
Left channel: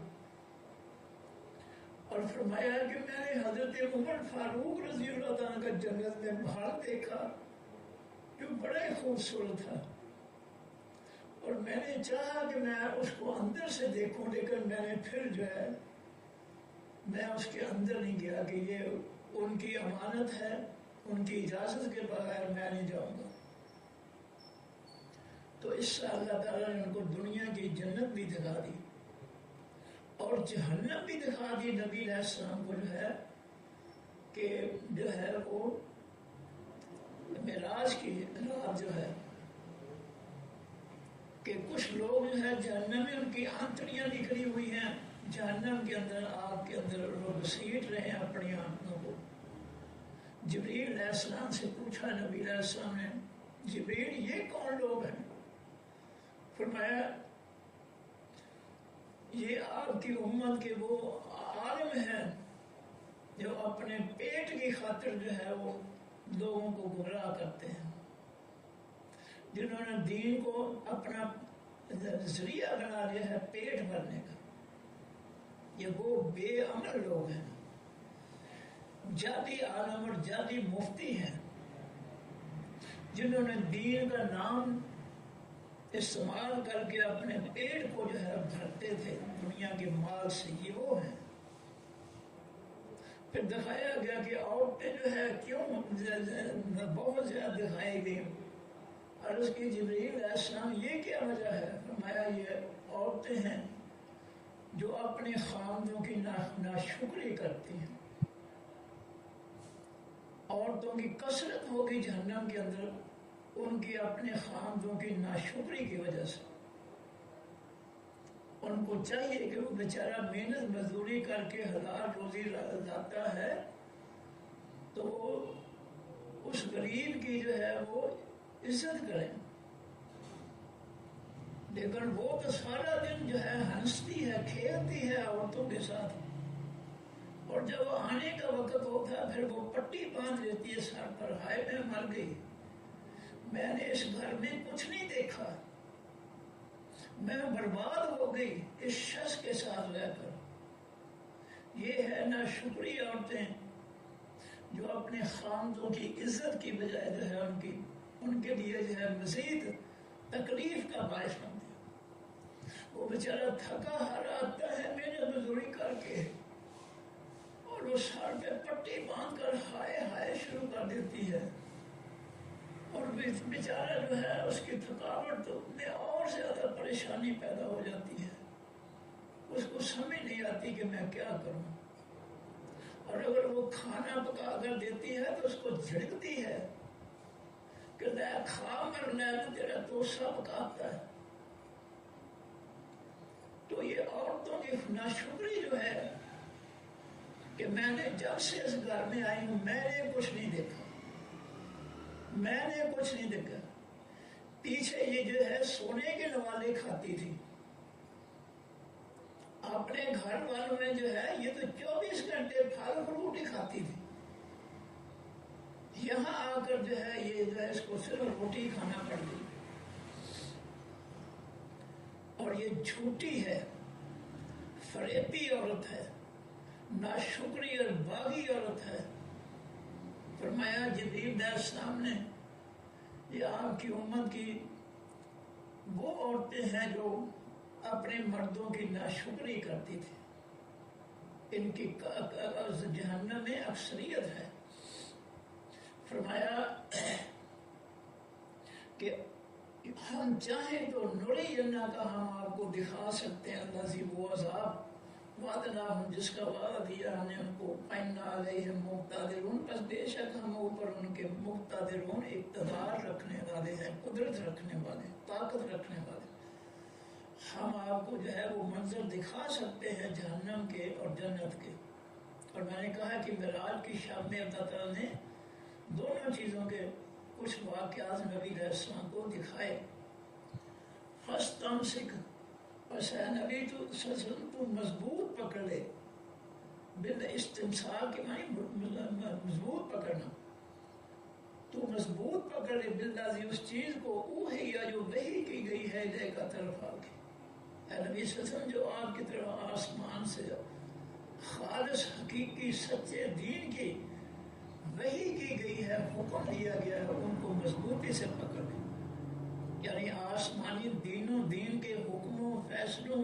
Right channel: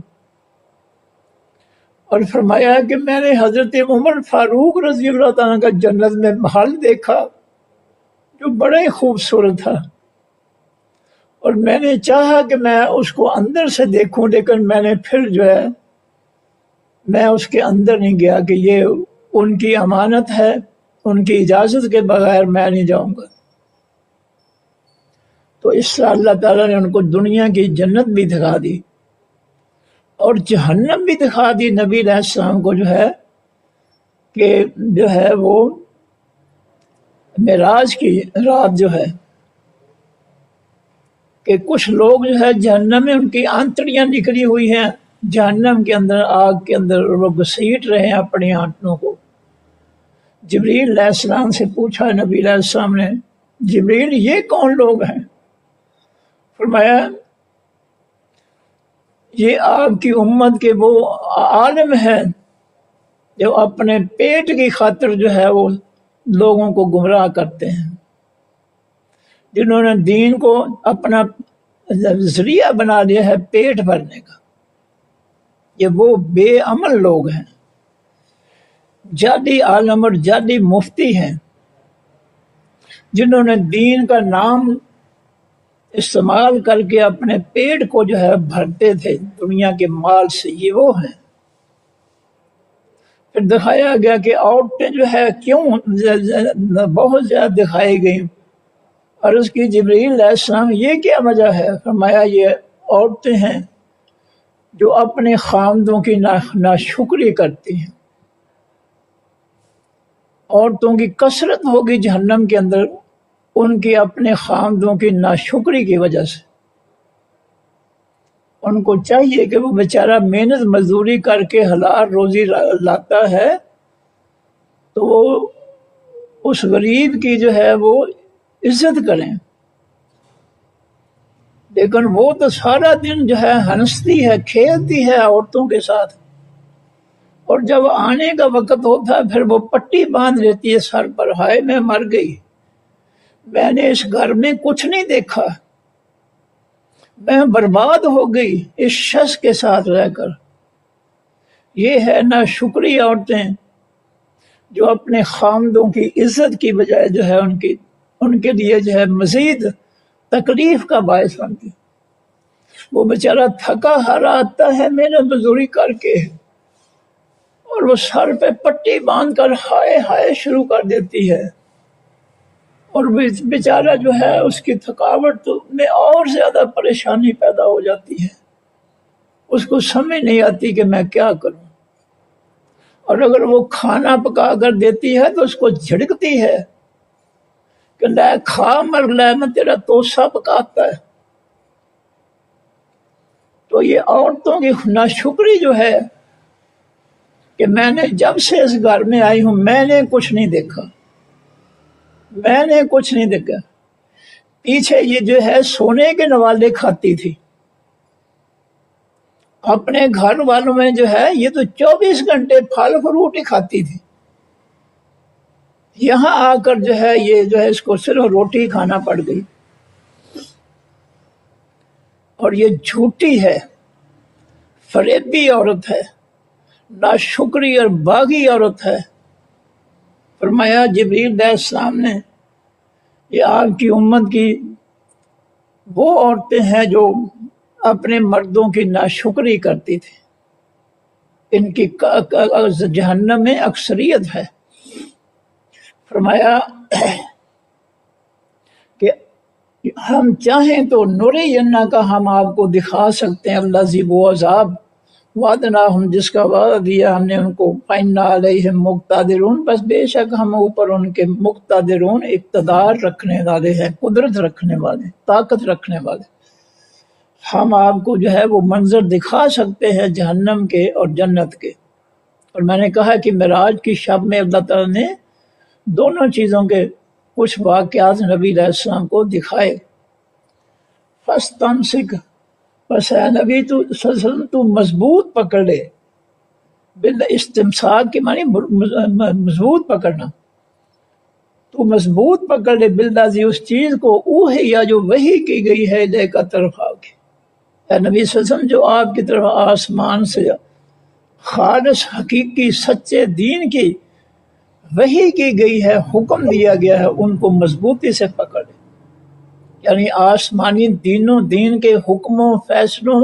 اور فرمایا کہ میں نے حضرت عمر فاروق رضی اللہ تعالیٰ کا جنت میں محل دیکھا جو بڑا ہی خوبصورت تھا، اور میں نے چاہا کہ میں اس کو اندر سے دیکھوں، لیکن میں نے پھر جو ہے میں اس کے اندر نہیں گیا کہ یہ ان کی امانت ہے، ان کی اجازت کے بغیر میں نہیں جاؤں گا۔ تو اس طرح اللہ تعالیٰ نے ان کو دنیا کی جنت بھی دکھا دی اور جہنم بھی دکھا دی نبی علیہ السلام کو، جو ہے کہ جو ہے وہ معراج کی رات جو ہے کہ کچھ لوگ جو ہے جہنم میں ان کی آنتڑیاں نکلی ہوئی ہیں، جہنم کے اندر، آگ کے اندر وہ گھسیٹ رہے ہیں اپنی آنتڑوں کو۔ جبریل علیہ السلام سے پوچھا نبی علیہ السلام نے، جبریل یہ کون لوگ ہیں؟ فرمایا یہ آپ کی امت کے وہ عالم ہیں جو اپنے پیٹ کی خاطر جو ہے وہ لوگوں کو گمراہ کرتے ہیں، جنہوں نے دین کو اپنا ذریعہ بنا لیا ہے پیٹ بھرنے کا، یہ وہ بے عمل لوگ ہیں، جعلی عالم اور جعلی مفتی ہیں، جنہوں نے دین کا نام استعمال کر کے اپنے پیٹ کو جو ہے بھرتے تھے دنیا کے مال سے، یہ وہ ہیں۔ پھر دکھایا گیا کہ عورتیں جو ہے کیوں بہت زیادہ دکھائی گئیں، عرض کی جبریل علیہ السلام یہ کیا وجہ ہے؟ فرمایا یہ عورتیں ہیں جو اپنے خاوندوں کی ناشکری کرتی ہیں، عورتوں کی کثرت ہوگی جہنم کے اندر ان کی اپنے خاوندوں کی ناشکری کی وجہ سے۔ ان کو چاہیے کہ وہ بیچارہ محنت مزدوری کر کے حلال روزی لاتا ہے تو وہ اس غریب کی جو ہے وہ عزت کریں، لیکن وہ تو سارا دن جو ہے ہنستی ہے، کھیلتی ہے عورتوں کے ساتھ، اور جب آنے کا وقت ہوتا ہے پھر وہ پٹی باندھ لیتی ہے سر پر، ہائے میں مر گئی، میں نے اس گھر میں کچھ نہیں دیکھا، میں برباد ہو گئی اس شخص کے ساتھ رہ کر۔ یہ ہے ناشکری عورتیں جو اپنے خاوندوں کی عزت کی بجائے جو ہے ان کے لیے جو ہے مزید تکلیف کا باعث بنتی۔ وہ بیچارہ تھکا ہارا آتا ہے محنت مزدوری کر کے، اور وہ سر پہ پٹی باندھ کر ہائے ہائے شروع کر دیتی ہے، اور بیچارہ جو ہے اس کی تھکاوٹ میں اور زیادہ پریشانی پیدا ہو جاتی ہے، اس کو سمجھ نہیں آتی کہ میں کیا کروں، اور اگر وہ کھانا پکا کر دیتی ہے تو اس کو جھڑکتی ہے کہ لے کھا مر لے، میں تیرا توسا پکاتا ہے۔ تو یہ عورتوں کی ناشکری جو ہے کہ میں نے جب سے اس گھر میں آئی ہوں میں نے کچھ نہیں دیکھا، میں نے کچھ نہیں دیکھا۔ پیچھے یہ جو ہے سونے کے نوالے کھاتی تھی، اپنے گھر والوں میں جو ہے یہ تو 24 گھنٹے پھل فروٹ ہی کھاتی تھی، یہاں آ کر جو ہے یہ جو ہے اس کو صرف روٹی کھانا پڑ گئی۔ اور یہ جھوٹی ہے، فریبی عورت ہے، ناشکری اور باغی عورت ہے۔ فرمایا جبریل علیہ السلام نے یہ آپ کی امت کی وہ عورتیں ہیں جو اپنے مردوں کی ناشکری کرتی تھی، ان کی جہنم میں اکثریت ہے۔ فرمایا کہ ہم چاہیں تو نوری جنہ کا ہم آپ کو دکھا سکتے ہیں، اللہ ذیب و عذاب وعدنا، ہم جس کا وعدہ دیا ہم نے ان کو، فَإِنَّا عَلَيْهِمْ مُقْتَدِرُونَ، بس بے شک ہم اوپر ان کے مقتدرون، اقتدار رکھنے والے ہیں، قدرت رکھنے والے، طاقت رکھنے والے۔ ہم آپ کو جو ہے وہ منظر دکھا سکتے ہیں جہنم کے اور جنت کے۔ اور میں نے کہا کہ معراج کی شب میں اللہ تعالیٰ نے دونوں چیزوں کے کچھ واقعات نبی علیہ السلام کو دکھائے۔ فَاسْتَمْسِكْ، بس اے نبی تو صلی اللہ علیہ وسلم تو مضبوط پکڑ لے، استمساک کے معنی مضبوط پکڑنا، تو مضبوط پکڑ لے بالذی اس چیز کو، اوحیا جو وحی کی گئی ہے لے کا طرف آ کے، اے نبی صلی اللہ علیہ وسلم جو آپ کی طرف آسمان سے خالص حقیقی سچے دین کی وحی کی گئی ہے، حکم دیا گیا ہے، ان کو مضبوطی سے پکڑ لے۔ یعنی آسمانی دین کے حکموں، فیصلوں،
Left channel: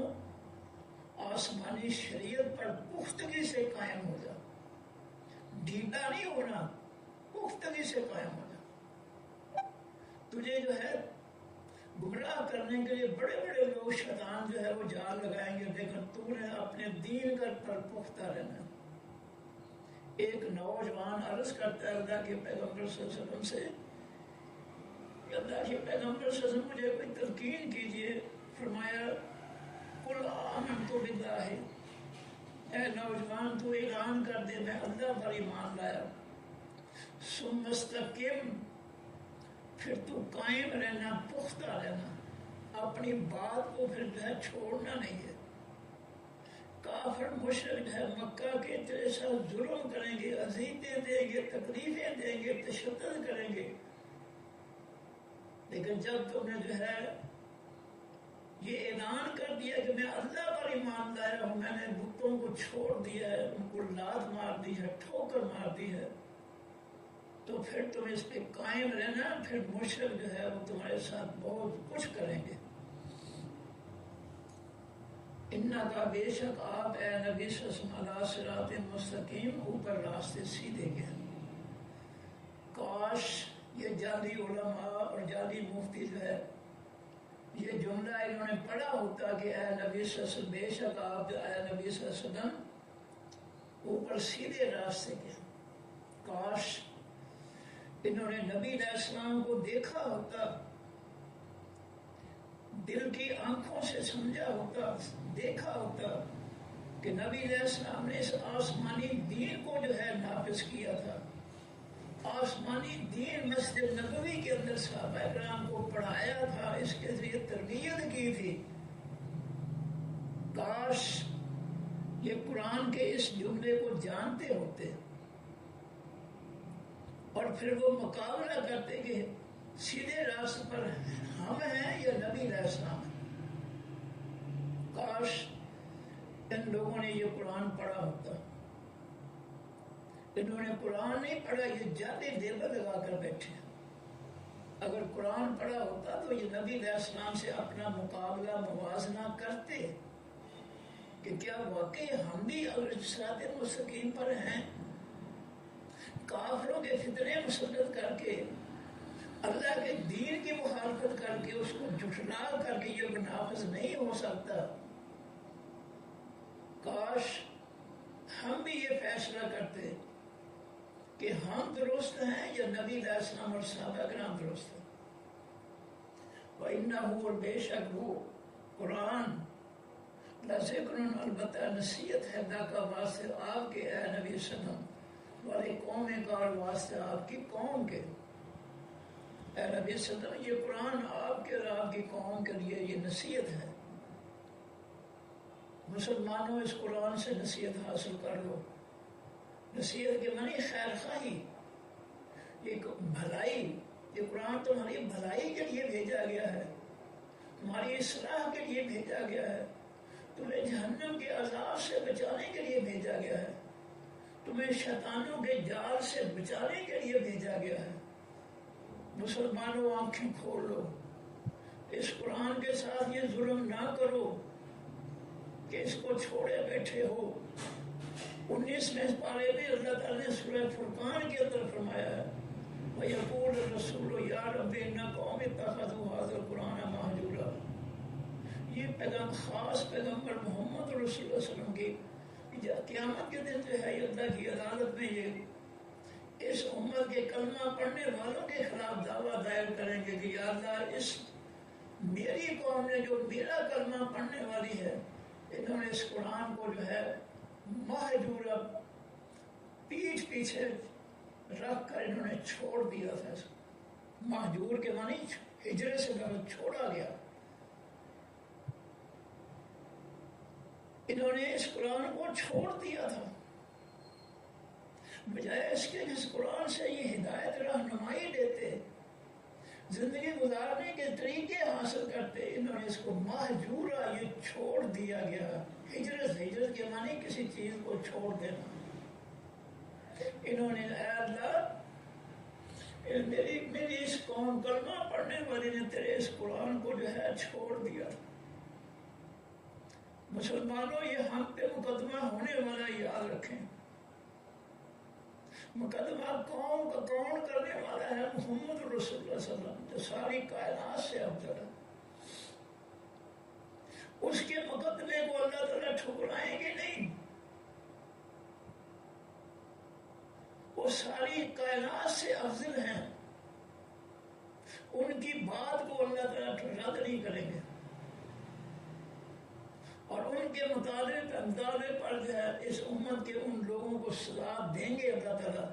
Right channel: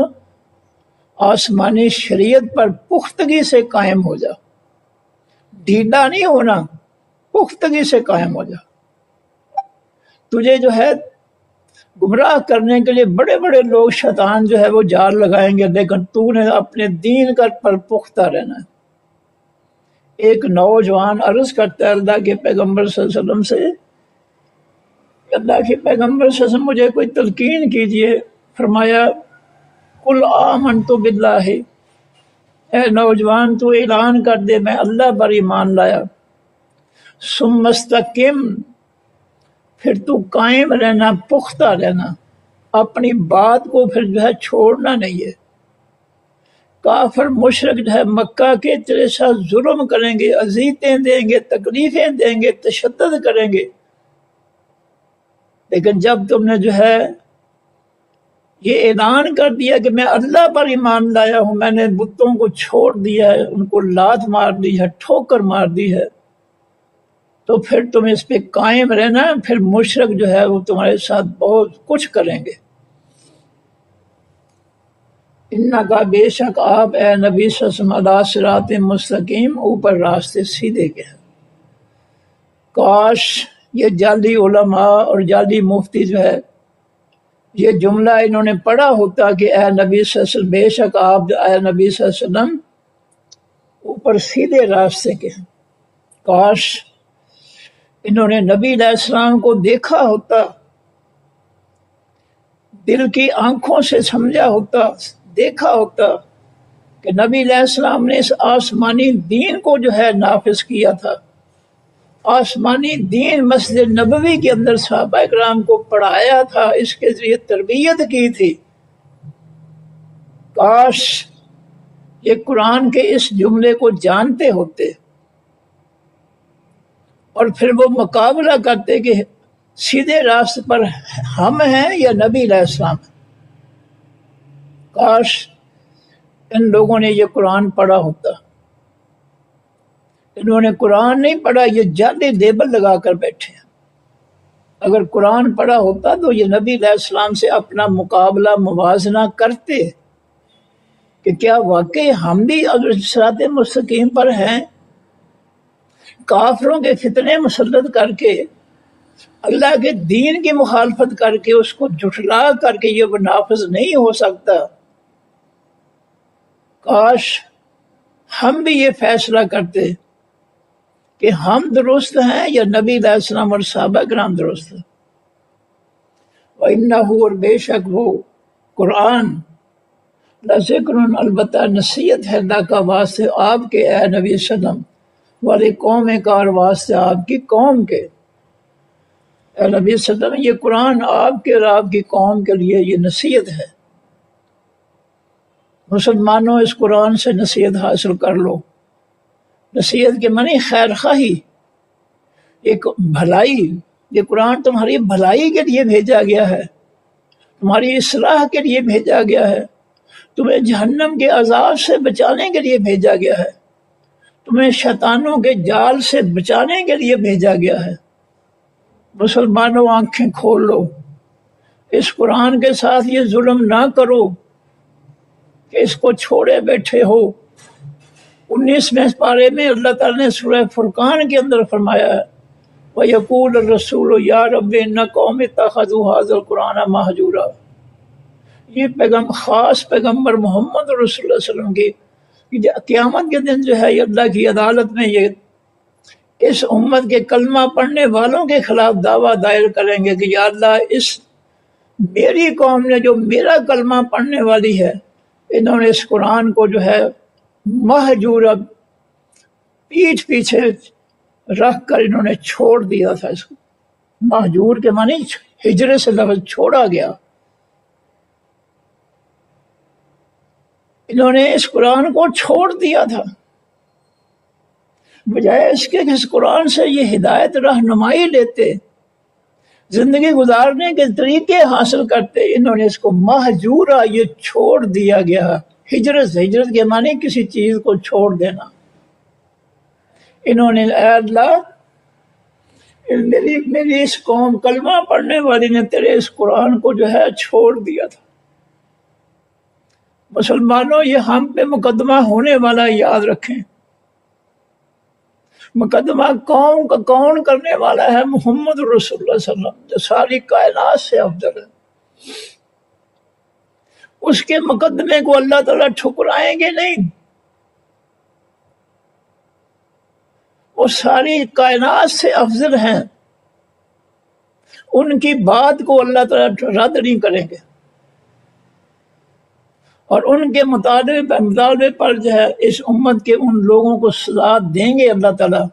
آسمانی شریعت پر پختگی سے قائم ہو جا، ڈھیلا نہیں ہونا، پختگی سے قائم ہو جا۔ تجھے جو ہے گمراہ کرنے کے لیے بڑے بڑے لوگ شیطان جو ہے وہ جال لگائیں گے، لیکن تو نے اپنے دین پر پختہ رہنا ہے۔ ایک نوجوان عرض کرتا ہے اللہ کے پیغمبر صلی اللہ علیہ وسلم سے، اللہ کے پیغمبر صلی اللہ علیہ وسلم مجھے کوئی تلقین کیجئے۔ فرمایا قل آمنت باللہ، اے نوجوان تو اعلان کر دے میں اللہ پر ایمان لایا، ثم استقم، پھر تو قائم رہنا، پختہ رہنا، اپنی بات کو پھر جو ہے چھوڑنا نہیں ہے۔ کافر مشرک جو ہے مکہ کے تیرے ساتھ ظلم کریں گے، اذیتیں دیں گے، تکلیفیں دیں گے، تشدد کریں گے، لیکن جب تم نے جو ہے یہ اعلان کر دیا کہ میں اللہ پر ایمان لایا ہوں، میں نے بتوں کو چھوڑ دیا ہے، ان کو لات مار دی ہے، ٹھوکر مار دی ہے، تو پھر تم اس پہ قائم رہنا، پھر مشرک جو ہے وہ تمہارے ساتھ بہت کچھ کریں گے۔ انکا، بے شک آپ اے نبی صلی اللہ علیہ وسلم، علی صراط مستقیم، اوپر راستے سیدھے کے ہیں۔ کاش یہ جعلی علماء اور جعلی مفتی جو ہے یہ جملہ انہوں نے پڑھا ہوتا کہ اے نبی صلی اللہ علیہ وسلم، بے شک آپ اے نبی صلی اللہ علیہ وسلم اوپر سیدھے راستے کے ہیں۔ کاش انہوں نے نبی علیہ السلام کو دیکھا ہوتا، دل کی آنکھوں سے سمجھا ہوتا، دیکھا ہوتا کہ نبی علیہ السلام نے اس آسمانی دین کو جو ہے نافذ کیا تھا، آسمانی دین مسجد نبوی کے اندر صحابہ کرام کو پڑھایا تھا، اس کے ذریعے تربیت کی تھی۔ کاش یہ قرآن کے اس جملے کو جانتے ہوتے اور پھر وہ مقابلہ کرتے کہ سیدھے راستے پر ہم ہیں یا نبی علیہ السلام۔ کاش ان لوگوں نے یہ قرآن پڑھا ہوتا، انہوں نے قرآن نہیں پڑھا، یہ جعلی لیبل لگا کر بیٹھے ہیں۔ اگر قرآن پڑھا ہوتا تو یہ نبی علیہ السلام سے اپنا مقابلہ، موازنہ کرتے کہ کیا واقعی ہم بھی صراط مستقیم پر ہیں؟ کافروں کے فتنے مسلط کر کے، اللہ کے دین کی مخالفت کر کے، اس کو جھٹلا کر کے یہ نافذ نہیں ہو سکتا۔ کاش ہم بھی یہ فیصلہ کرتے کہ ہم درست ہیں یا نبی علیہ السلام اور صحابہ کرام درست ہیں۔ وَإِنَّهُ، اور بے شک وہ قرآن، ذکر البتہ نصیحت ہے اللہ کا واسطے آپ کے اے نبی وسلم والے قوم کا اور واسطے آپ کی قوم کے. اے نبی وسلم یہ قرآن آپ کے اور آپ کی قوم کے لیے یہ نصیحت ہے. مسلمانوں اس قرآن سے نصیحت حاصل کر لو. نصیحت کے معنی خیر خواہی، ایک بھلائی. یہ قرآن تمہاری بھلائی کے لیے بھیجا گیا ہے، تمہاری اصلاح کے لیے بھیجا گیا ہے، تمہیں جہنم کے عذاب سے بچانے کے لیے بھیجا گیا ہے، تمہیں شیطانوں کے جال سے بچانے کے لیے بھیجا گیا ہے. مسلمانوں آنکھیں کھول لو، اس قرآن کے ساتھ یہ ظلم نہ کرو کہ اس کو چھوڑے بیٹھے ہو. 19ویں پارے میں اللہ تعالیٰ نے سورہ فرقان کے اندر فرمایا ہے وَيَقُولُ الرَّسُولُ يَا رَبِّ إِنَّ قَوْمِي اتَّخَذُوا هَٰذَا الْقُرْآنَ مَهْجُورًا. یہ خاص پیغمبر محمد رسول اللہ علیہ وسلم کی قیامت کے دن جو ہے یہ اللہ کی عدالت میں یہ اس امت کے کلمہ پڑھنے والوں کے خلاف دعویٰ دائر کریں گے کہ یا اللہ اس میری قوم نے جو میرا کلمہ پڑھنے والی ہے انہوں نے اس قرآن کو جو ہے مہجورا پیٹھ پیچھے رکھ کر انہوں نے چھوڑ دیا تھا. اس کو مہجور کے معنی ہجرے سے لفظ چھوڑا گیا. انہوں نے اس قرآن کو چھوڑ دیا تھا، بجائے اس کے کہ اس قرآن سے یہ ہدایت رہنمائی لیتے، زندگی گزارنے کے طریقے حاصل کرتے. انہوں نے اس کو مہجورا یہ چھوڑ دیا گیا. ہجرت کے معنی کسی چیز کو چھوڑ دینا. انہوں نے اے اللہ میری اس قوم کلمہ پڑھنے والی نے تیرے اس قرآن کو جو ہے چھوڑ دیا تھا. مسلمانوں یہ ہم پہ مقدمہ ہونے والا یاد رکھیں. مقدمہ قوم کا کون کرنے والا ہے؟ محمد رسول اللہ صلی اللہ علیہ وسلم جو ساری کائنات سے افضل ہے. اس کے مقدمے کو اللہ تعالیٰ ٹھکرائیں گے نہیں. وہ ساری کائنات سے افضل ہیں، ان کی بات کو اللہ تعالیٰ رد نہیں کریں گے، اور ان کے مطالبے پر جو ہے اس امت کے ان لوگوں کو سزا دیں گے اللہ تعالیٰ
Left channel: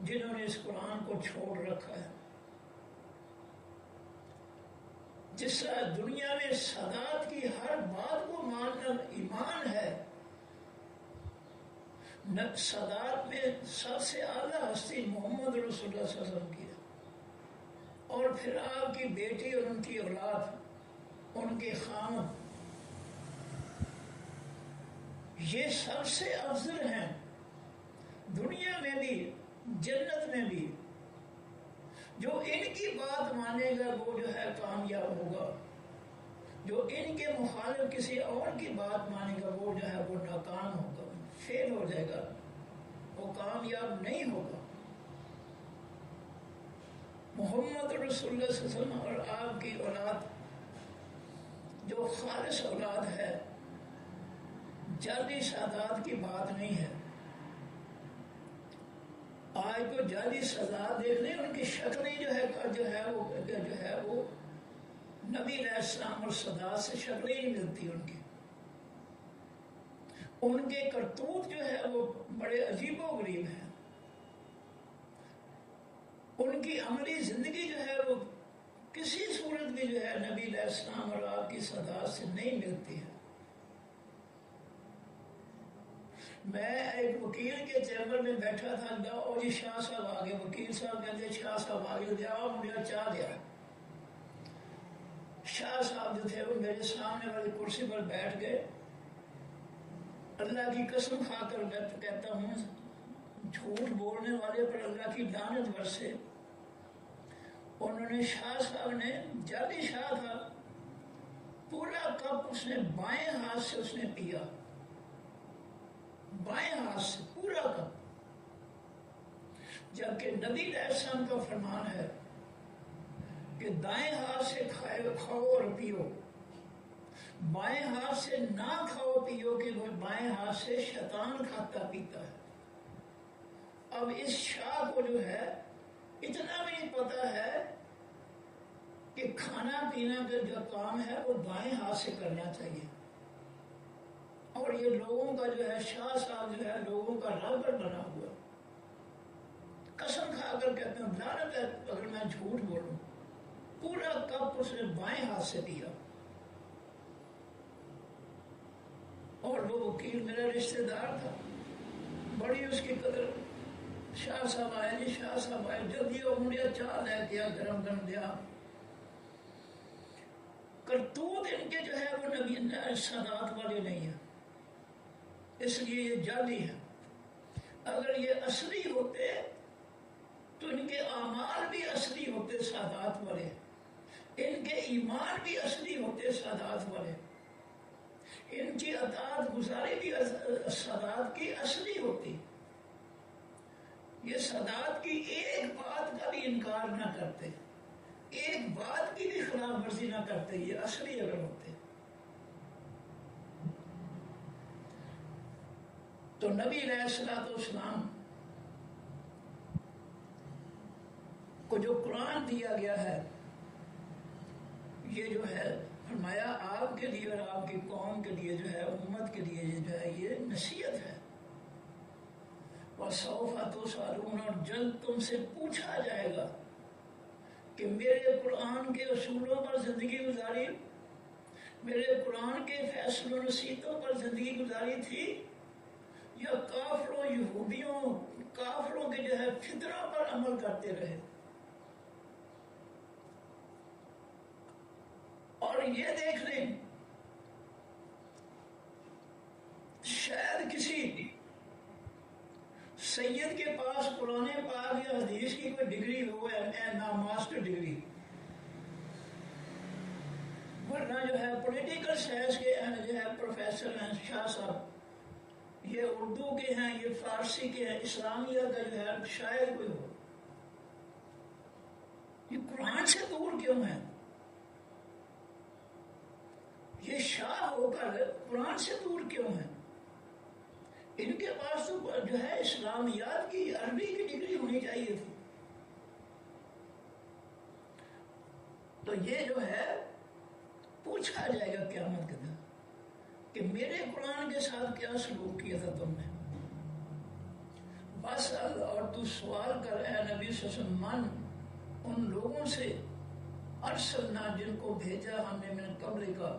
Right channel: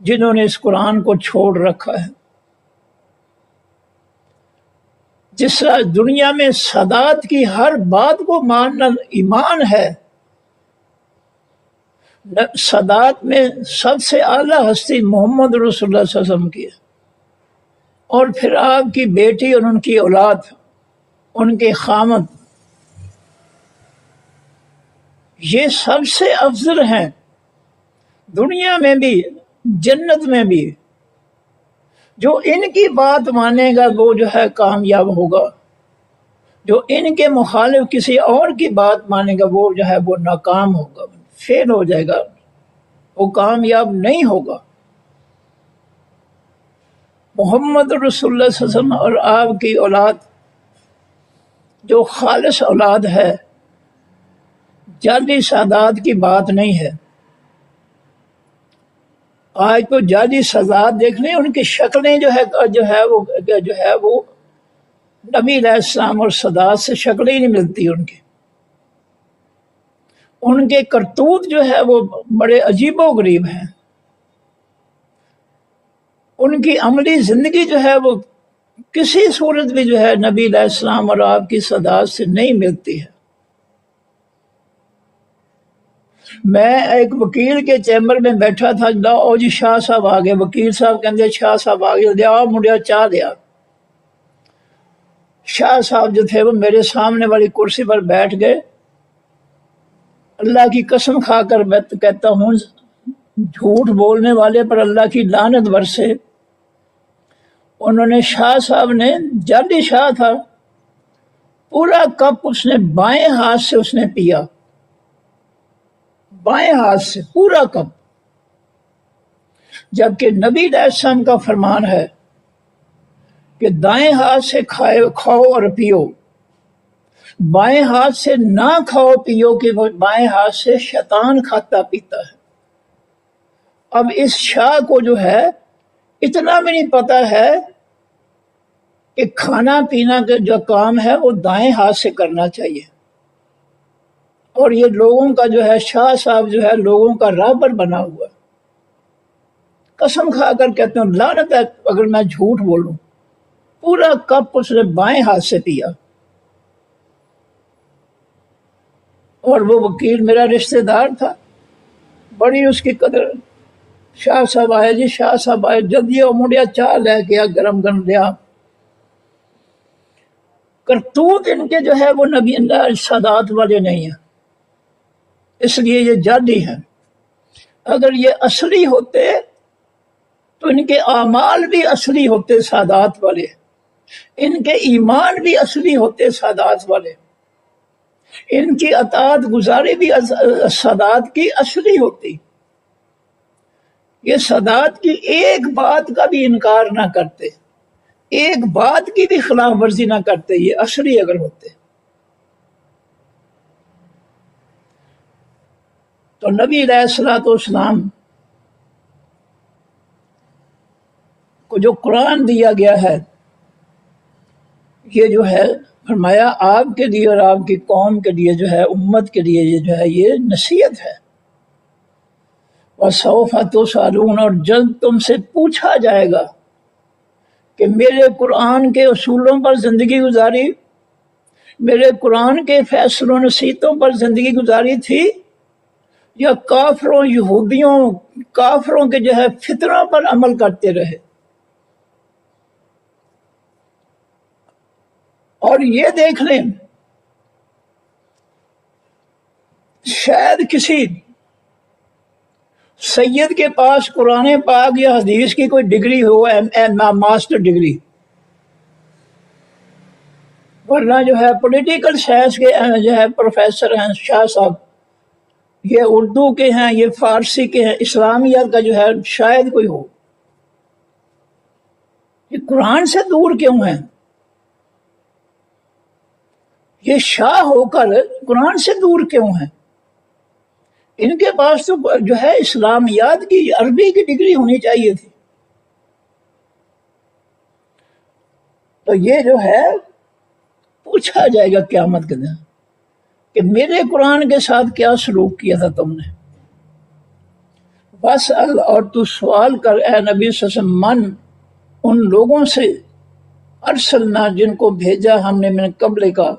جنہوں نے اس قرآن کو چھوڑ رکھا ہے. جس طرح دنیا میں سادات کی ہر بات کو ماننا ایمان ہے، سادات میں سب سے اعلیٰ ہستی محمد رسول اللہ صلی اللہ علیہ وسلم کی ہے، اور پھر آپ کی بیٹی اور ان کی اولاد، ان کے خامد، یہ سب سے افضل ہیں دنیا میں بھی جنت میں بھی. جو ان کی بات مانے گا وہ جو ہے کامیاب ہوگا، جو ان کے مخالف کسی اور کی بات مانے گا وہ جو ہے وہ ناکام ہوگا، فیل ہو جائے گا، وہ کامیاب نہیں ہوگا. محمد رسول اللہ صلی اللہ علیہ وسلم اور آپ کی اولاد جو خالص اولاد ہے، جعلی سادات کی بات نہیں ہے. آج تو جعلی سادات دیکھ لیں، ان کی شکلیں جو ہے وہ نبی علیہ السلام اور سادات سے شکلیں ہی نہیں ملتی. ان کے کرتوت جو ہے وہ بڑے عجیب و غریب ہیں. ان کی عملی زندگی جو ہے وہ کسی صورت بھی جو ہے نبی علیہ السلام اور آپ کی سادات سے نہیں ملتی ہے. میں ایک وکیل کے چیمبر میں بیٹھا تھا، او جی شاہ صاحب آ گئے. وکیل صاحب کہتے شاہ صاحب آ گئے، لیا منڈیا چاہ لیا. شاہ صاحب جو تھے وہ میرے سامنے والی کرسی پر بیٹھ گئے. اللہ کی قسم کھا کر میں کہتا ہوں جھوٹ بولنے والے پر اللہ کی لعنت برسے. انہوں نے شاہ صاحب نے، جعلی شاہ تھا، پورا کپ اس نے بائیں ہاتھ سے اس نے پیا، بائیں ہاتھ سے پورا کپ، جبکہ نبی علیہ السلام کا فرمان ہے کہ دائیں ہاتھ سے کھاؤ اور پیو، بائیں ہاتھ سے نہ کھاؤ پیو کہ وہ بائیں ہاتھ سے شیطان کھاتا پیتا ہے. اب اس شاہ کو جو ہے اتنا بھی نہیں پتا ہے کہ کھانا پینا کا جو کام ہے وہ دائیں ہاتھ سے کرنا چاہیے. اور یہ لوگوں کا جو ہے شاہ صاحب جو ہے لوگوں کا رہبر بنا ہوا ہے۔ قسم کھا کر کہتے ہیں لعنت ہے اگر میں جھوٹ بولوں، پورا کپ اس نے بائیں ہاتھ سے پیا۔ اور وہ وکیل میرا رشتہ دار تھا، بڑی اس کی قدر۔ شاہ صاحب آئے، جی شاہ صاحب آئے، جلدی مڑیا چاہ لے گیا، گرم گرم دیا۔ کرتوت ان کے جو ہے وہ نبی سادات والے نہیں ہیں، اس لیے یہ جعلی ہیں۔ اگر یہ اصلی ہوتے تو ان کے اعمال بھی اصلی ہوتے سادات والے، ان کے ایمان بھی اصلی ہوتے سادات والے، ان کی اطاعت گزاری بھی سادات کی اصلی ہوتی۔ یہ سادات کی ایک بات کا بھی انکار نہ کرتے، ایک بات کی بھی خلاف ورزی نہ کرتے، یہ اصلی اگر ہوتے۔ تو نبی علیہ الصلوۃ والسلام کو جو قرآن دیا گیا ہے، یہ جو ہے فرمایا آپ کے لیے اور آپ کی قوم کے لیے جو ہے، امت کے لیے یہ جو ہے یہ نصیحت ہے۔ وَسَوْفَ تُسْأَلُونَ، اور جلد تم سے پوچھا جائے گا کہ میرے قرآن کے اصولوں پر زندگی گزاری، میرے قرآن کے فیصلوں نصیحتوں پر زندگی گزاری تھی، یا کافروں یہودیوں کافروں کے جو ہے فطروں پر عمل کرتے رہے۔ اور یہ دیکھ لیں، شاید کسی سید کے پاس قرآن پاک یا حدیث کی کوئی ڈگری ہو، ماسٹر ڈگری، ورنہ جو ہے پولیٹیکل سائنس کے جو ہے پروفیسر ہیں شاہ صاحب، یہ اردو کے ہیں، یہ فارسی کے ہیں، اسلامیات کا جو ہے شاید کوئی ہو۔ یہ قرآن سے دور کیوں ہیں؟ یہ شاہ ہو کر قرآن سے دور کیوں ہیں؟ ان کے پاس تو جو ہے اسلامیات کی عربی کی ڈگری ہونی چاہیے تھی۔ تو یہ جو ہے پوچھا جائے گا قیامت کے دن کہ میرے قرآن کے ساتھ کیا سلوک کیا تھا تم نے۔ بس اور تو سوال کر اے نبی صلی اللہ علیہ وسلم، من ان لوگوں سے، ارسلنا جن کو بھیجا ہم نے من قبل کا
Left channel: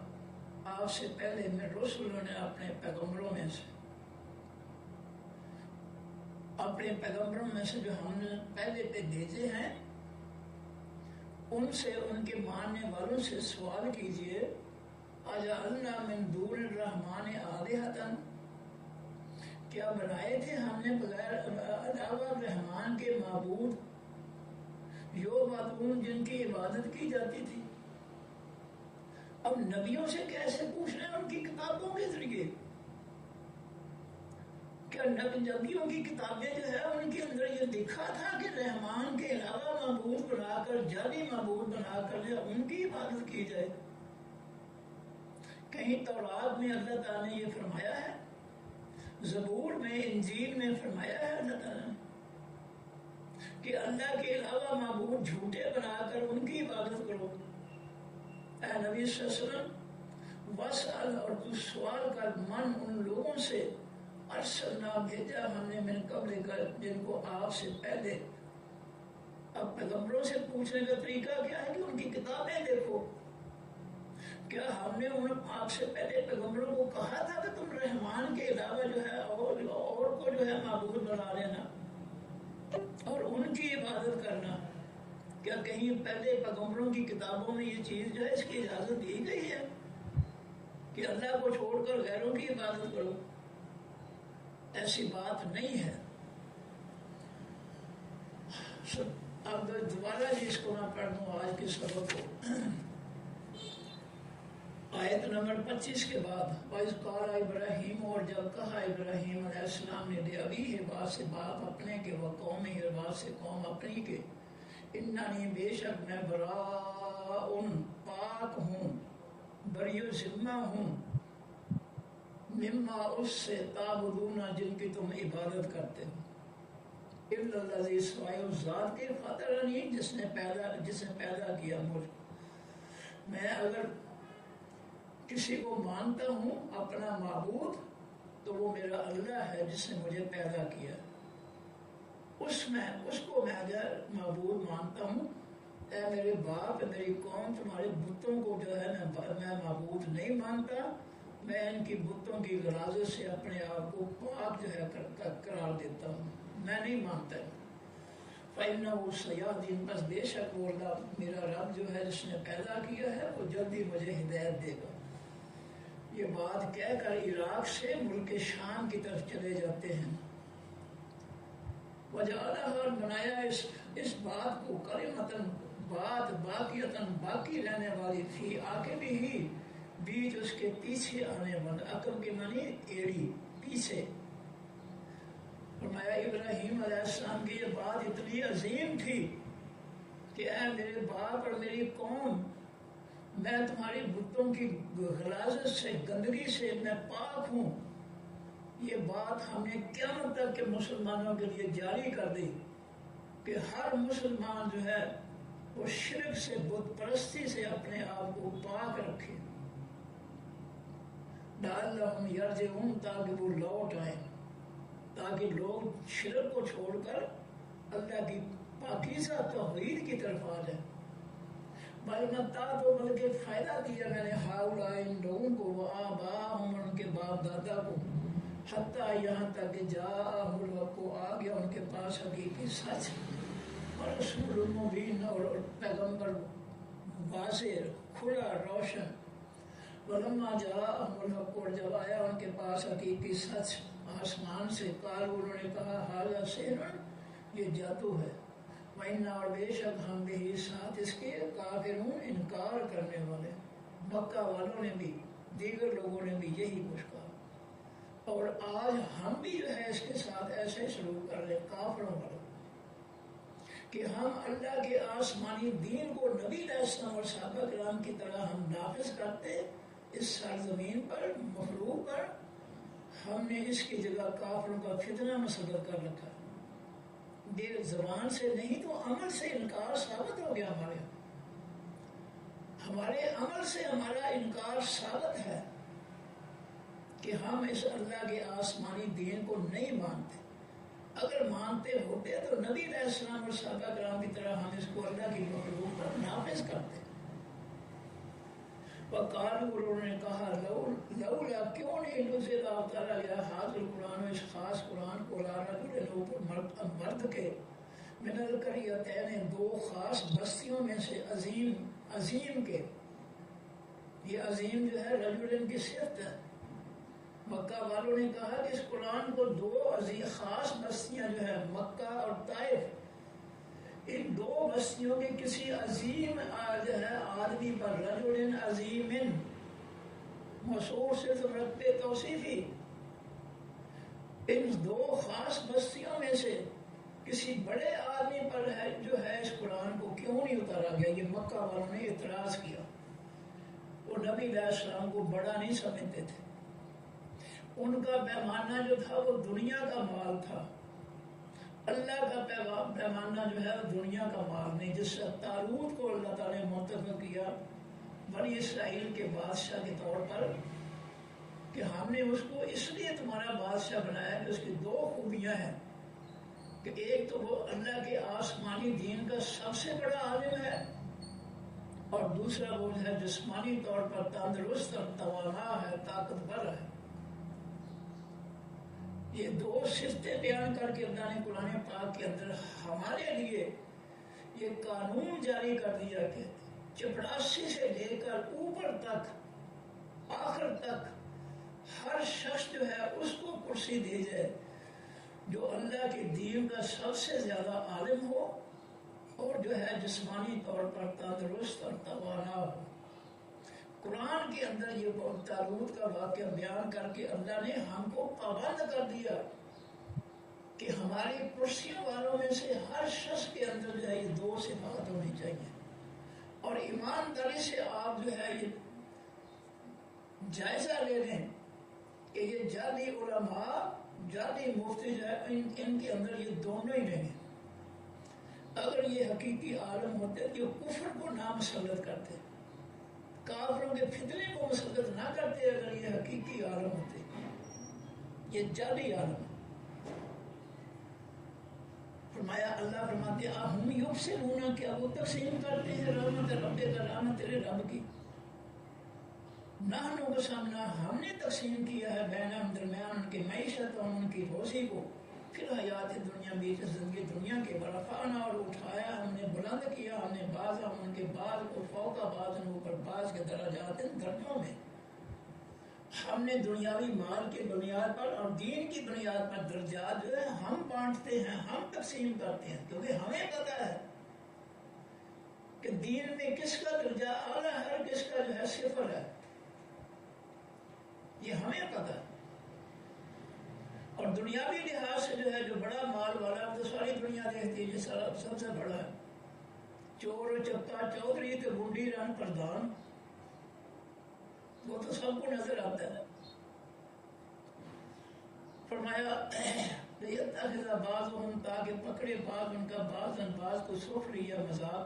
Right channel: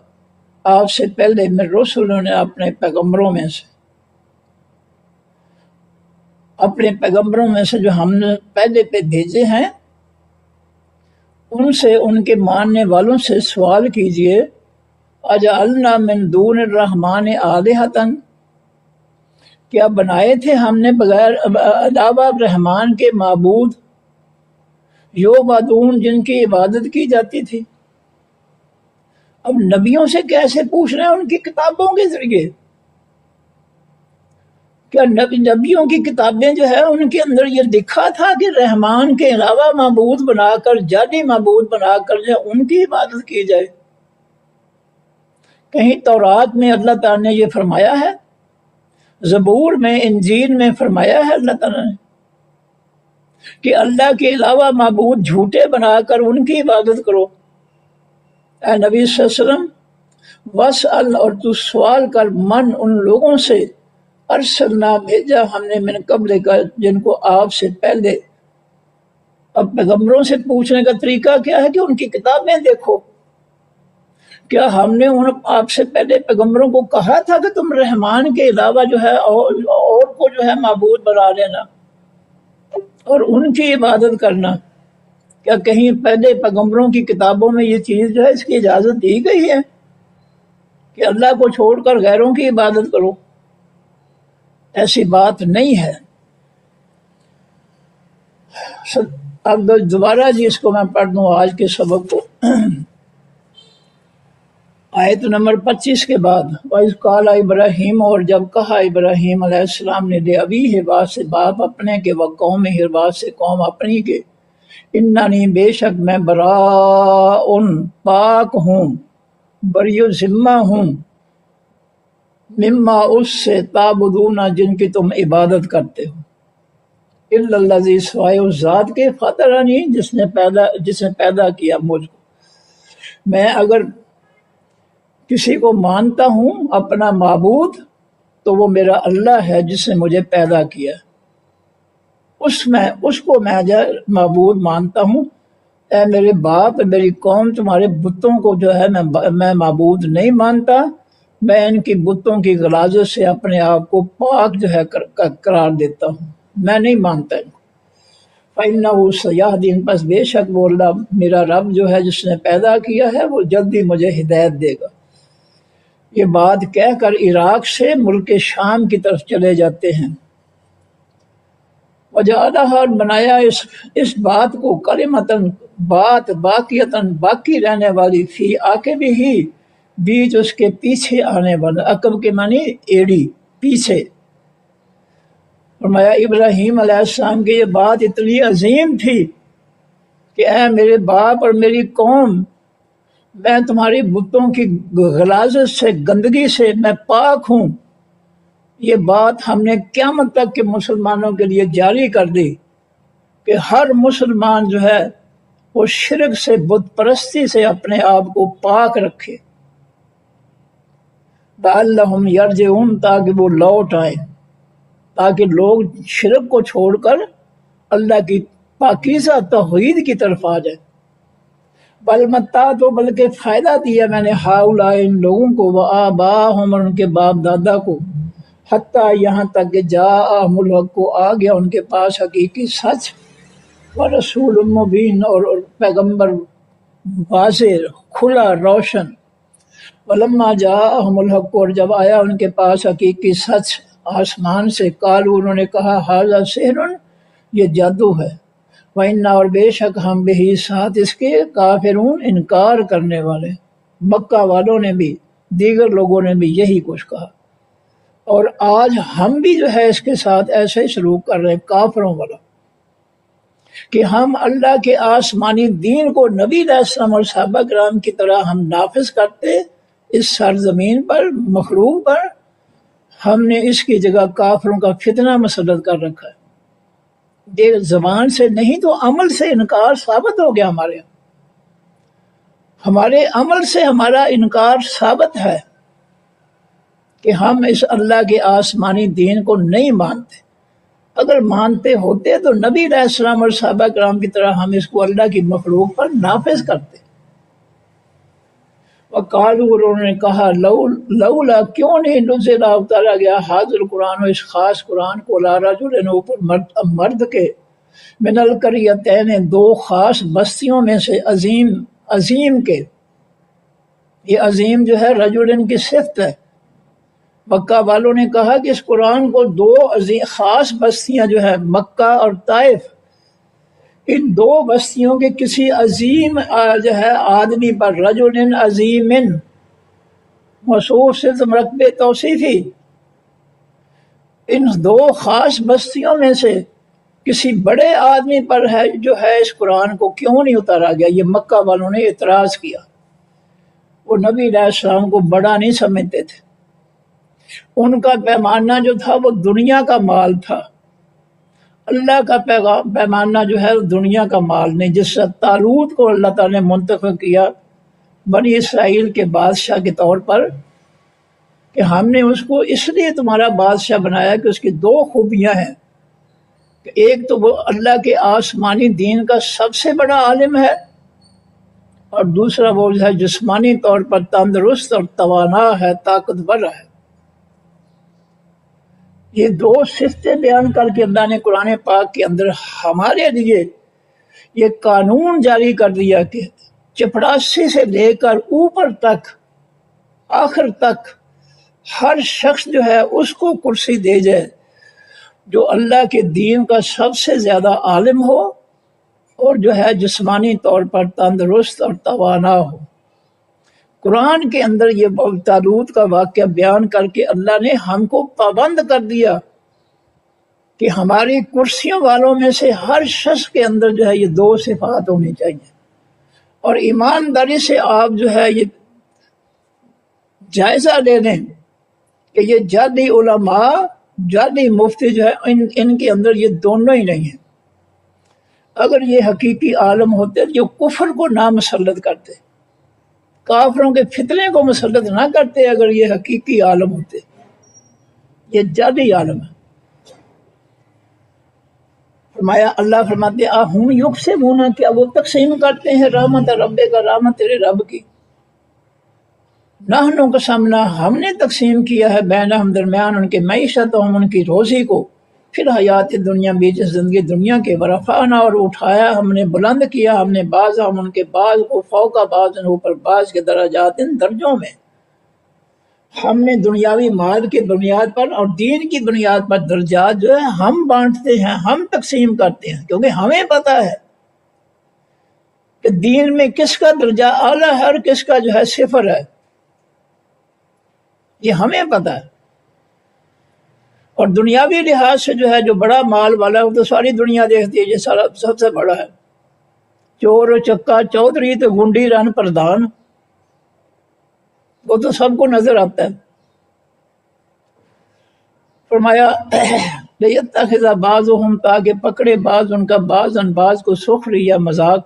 آپ سے پہلے، میں رسولوں نے اپنے پیغمبروں میں سے، اپنے پیغمبروں میں سے جو ہم نے پہلے پہ بھیجے ہیں، ان سے، ان کے ماننے والوں سے سوال کیجئے، اجعلنا من دون الرحمن آلہۃ، کیا بنائے تھے ہم نے بغیر علاوہ رحمان کے معبود، یعبدون جن کی عبادت کی جاتی تھی۔ اب نبیوں سے کیسے پوچھ رہے ہیں؟ ان کی کتابوں کے ذریعے۔ کیا نبیوں کی کتابیں جو ہے ان کے اندر یہ لکھا تھا کہ رحمان کے علاوہ معبود بنا کر، جعلی معبود بنا کر جو ان کی عبادت کی جائے؟ کہیں تورات میں اللہ تعالیٰ نے یہ فرمایا ہے؟ زبور میں، انجیل میں فرمایا ہے اللہ تعالیٰ نے کہ اللہ کے علاوہ معبود جھوٹے بنا کر ان کی عبادت کرو؟ اے نبی صلی اللہ علیہ وسلم، وَاسْأَلْ، اور تو سوال کر، من ان لوگوں سے، ارسلنا بھیجا ہم نے من قبل کا جن کو آپ سے پہلے۔ اب پیغمبروں سے پوچھنے کا طریقہ کیا ہے کہ ان کی کتابیں دیکھو۔ کیا ہم نے آپ سے پہلے پیغمبروں کو کہا تھا کہ تم رحمان کے علاوہ جو ہے اور کو جو ہے معبود بنا لینا اور ان کی عبادت کرنا؟ کیا کہیں پہلے پیغمبروں کی کتابوں میں یہ چیز جو ہے اس کی اجازت دی گئی ہے کہ اللہ کو چھوڑ کر غیروں کی عبادت کرو؟ ایسی بات نہیں ہے۔ اب دوبارہ جی اس کو میں پڑھ دوں آج کے سبق کو، آیت نمبر 25 کے بعد۔ وَإِذْ قَالَ ابراہیم، اور جب کہا ابراہیم علیہ السلام نے، لے ابی ہے بات سے باپ اپنے کے، وقوم ہے بات سے قوم اپنی کے، اننی بے شک میں براء پاک ہوں، بری ذمہ ہوں، مما اس سے، تعبدون جن کی تم عبادت کرتے ہو، الا الذی سوائے اس ذات کے، فطرنی جس نے پیدا کیا مجھ کو۔ میں اگر کسی کو مانتا ہوں اپنا معبود تو وہ میرا اللہ ہے جس نے مجھے پیدا کیا، اس کو میں معبود مانتا ہوں۔ اے میرے باپ، میری قوم، تمہارے بتوں کو جو ہے میں معبود نہیں مانتا، میں ان کی بتوں کی غلاظت سے اپنے آپ کو پاک جو ہے قرار دیتا ہوں، میں نہیں مانتا ان کو۔ فَإِنَّهُ سَيَهْدِينِ، پس بے شک وہ اللہ میرا رب جو ہے جس نے پیدا کیا ہے وہ جلدی مجھے ہدایت دے گا۔ یہ بات کہہ کر عراق سے ملک شام کی طرف چلے جاتے ہیں۔ وجعلها، بنایا اس بات کو کلمتاً، بات باقیتاً، باقی رہنے والی، فی عاقبہ ہی، بیچ اس کے پیچھے آنے والا، عقب کے معنی ایڑی، پیچھے۔ فرمایا ابراہیم علیہ السلام کی یہ بات اتنی عظیم تھی کہ اے میرے باپ اور میری قوم، میں تمہاری بتوں کی غلاظت سے، گندگی سے میں پاک ہوں۔ یہ بات ہم نے قیامت تک کے مسلمانوں کے لیے جاری کر دی کہ ہر مسلمان جو ہے وہ شرک سے، بت پرستی سے اپنے آپ کو پاک رکھے، لعلہم یرجعون، تاکہ وہ لوٹ آئیں، تاکہ لوگ شرک کو چھوڑ کر اللہ کی پاکیزہ توحید کی طرف آ جائیں۔ بل متعت، تو بلکہ فائدہ دیا میں نے، ہؤلاء، ان لوگوں کو، وآباءہم، اور ان کے باپ دادا کو، حتیٰ یہاں تک کہ جاءہم الحق، کو آ گیا ان کے پاس حقیقی سچ، ورسول مبین، اور پیغمبر واضح، کھلا، روشن۔ ولما جاءہم الحق، اور جب آیا ان کے پاس حقیقی سچ آسمان سے، قالوا، انہوں نے کہا، ھذا سحر، یہ جادو ہے، وَإِنَّا، اور بے شک ہم بھی، ساتھ اس کے، کافرون، انکار کرنے والے۔ مکہ والوں نے بھی، دیگر لوگوں نے بھی یہی کچھ کہا، اور آج ہم بھی جو ہے اس کے ساتھ ایسے ہی سلوک کر رہے ہیں، کافروں والا، کہ ہم اللہ کے آسمانی دین کو نبی علیہ السلام اور صحابہ کرام کی طرح ہم نافذ کرتے اس سرزمین پر، مخلوق پر۔ ہم نے اس کی جگہ کافروں کا فتنہ مسلط کر رکھا ہے۔ یہ زبان سے نہیں تو عمل سے انکار ثابت ہو گیا، ہمارے عمل سے ہمارا انکار ثابت ہے کہ ہم اس اللہ کے آسمانی دین کو نہیں مانتے۔ اگر مانتے ہوتے تو نبی علیہ السلام اور صحابہ کرام کی طرح ہم اس کو اللہ کی مخلوق پر نافذ کرتے۔ وقالوا، اور انہوں نے کہا، لولا، کیوں نہیں نزل، اتارا گیا، حاضر قرآن، اس خاص قرآن کو، علی رجل، اوپر مرد کے، من القریتین، دو خاص بستیوں میں سے، عظیم کے۔ یہ عظیم جو ہے رجل کی صفت ہے۔ مکہ والوں نے کہا کہ اس قرآن کو دو خاص بستیاں جو ہے، مکہ اور طائف، ان دو بستیوں کے کسی عظیم جو ہے آدمی پر، رجل عظیم، موصوف سے مرکب توصیفی، ان دو خاص بستیوں میں سے کسی بڑے آدمی پر ہے جو ہے اس قرآن کو کیوں نہیں اتارا گیا۔ یہ مکہ والوں نے اعتراض کیا، وہ نبی علیہ السلام کو بڑا نہیں سمجھتے تھے، ان کا پیمانہ جو تھا وہ دنیا کا مال تھا، اللہ کا پیمانہ جو ہے دنیا کا مال نہیں۔ جس سے طالوت کو اللہ تعالیٰ نے منتخب کیا بنی اسرائیل کے بادشاہ کے طور پر، کہ ہم نے اس کو اس لیے تمہارا بادشاہ بنایا کہ اس کی دو خوبیاں ہیں، کہ ایک تو وہ اللہ کے آسمانی دین کا سب سے بڑا عالم ہے، اور دوسرا وہ جو ہے جسمانی طور پر تندرست اور توانا ہے، طاقتور ہے۔ یہ دو صفتیں بیان کر کے اللہ نے قرآن پاک کے اندر ہمارے لیے یہ قانون جاری کر دیا کہ چپڑاسی سے لے کر اوپر تک، آخر تک، ہر شخص جو ہے اس کو کرسی دے جائے جو اللہ کے دین کا سب سے زیادہ عالم ہو، اور جو ہے جسمانی طور پر تندرست اور توانا ہو۔ قرآن کے اندر یہ طالوت کا واقعہ بیان کر کے اللہ نے ہم کو پابند کر دیا کہ ہماری کرسیوں والوں میں سے ہر شخص کے اندر جو ہے یہ دو صفات ہونی چاہیے، اور ایمانداری سے آپ جو ہے یہ جائزہ لے لیں کہ یہ جعلی علماء، جعلی مفتی جو ہے ان کے اندر یہ دونوں ہی نہیں ہیں۔ اگر یہ حقیقی عالم ہوتے جو کفر کو نہ مسلط کرتے، کافروں کے فتنے کو مسلط نہ کرتے، اگر یہ حقیقی عالم ہوتے، یہ جادی عالم ہے۔ فرمایا اللہ فرماتے ہوں یقسمون، کیا وہ تقسیم کرتے ہیں رحمت رب کا، رحمت تیرے رب کی۔ نحن قسمنا، ہم نے تقسیم کیا ہے بینہم درمیان ان کے معیشت، ہم ان کی روزی کو، پھر حیات دنیا بیچ زندگی دنیا کے، ورفعنا اور اٹھایا ہم نے، بلند کیا ہم نے، بعض ہم ان کے بعض کو فوق بعض اوپر بعض کے درجات درجوں میں۔ ہم نے دنیاوی مال کی بنیاد پر اور دین کی بنیاد پر درجات جو ہے ہم بانٹتے ہیں، ہم تقسیم کرتے ہیں، کیونکہ ہمیں پتہ ہے کہ دین میں کس کا درجہ اعلیٰ ہے اور کس کا جو ہے صفر ہے، یہ ہمیں پتہ ہے۔ اور دنیاوی لحاظ سے جو ہے جو بڑا مال والا ہے وہ تو ساری دنیا دیکھتی ہے، یہ سارا سب سے بڑا ہے، چور و چکا چودھری تو گنڈی رن پردھان، وہ تو سب کو نظر آتا ہے۔ فرمایا لیتخذ بعضهم، تاکہ پکڑے بعض ان کا بعض ان بعض کو، سخری یا مذاق،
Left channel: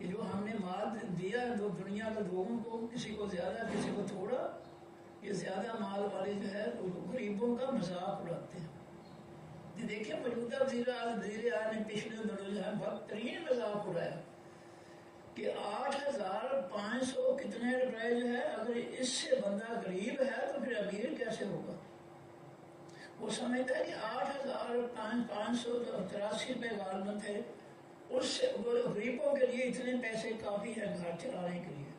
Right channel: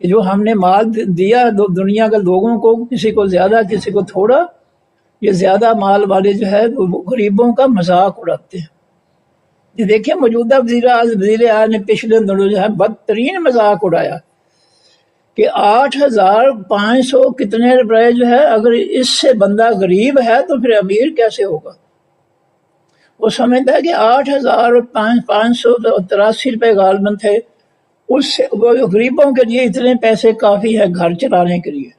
جو ہم نے مال دیا دنیا کے لوگوں کو، کسی کو زیادہ کسی کو تھوڑا، یہ زیادہ مال والے جو ہے وہ غریبوں کا مذاق اڑاتے ہیں۔ یہ دیکھیں موجودہ وزیر اعظم نے پچھلے دنوں جو ہے بدترین مذاق اڑایا کہ 8,500 کتنے روپے جو ہے، اگر اس سے بندہ غریب ہے تو پھر امیر کیسے ہوگا؟ وہ سمجھتا ہے کہ 8,583 روپے غالباً تھے، اس سے غریبوں کے لیے اتنے پیسے کافی ہے گھر چلانے کے لیے،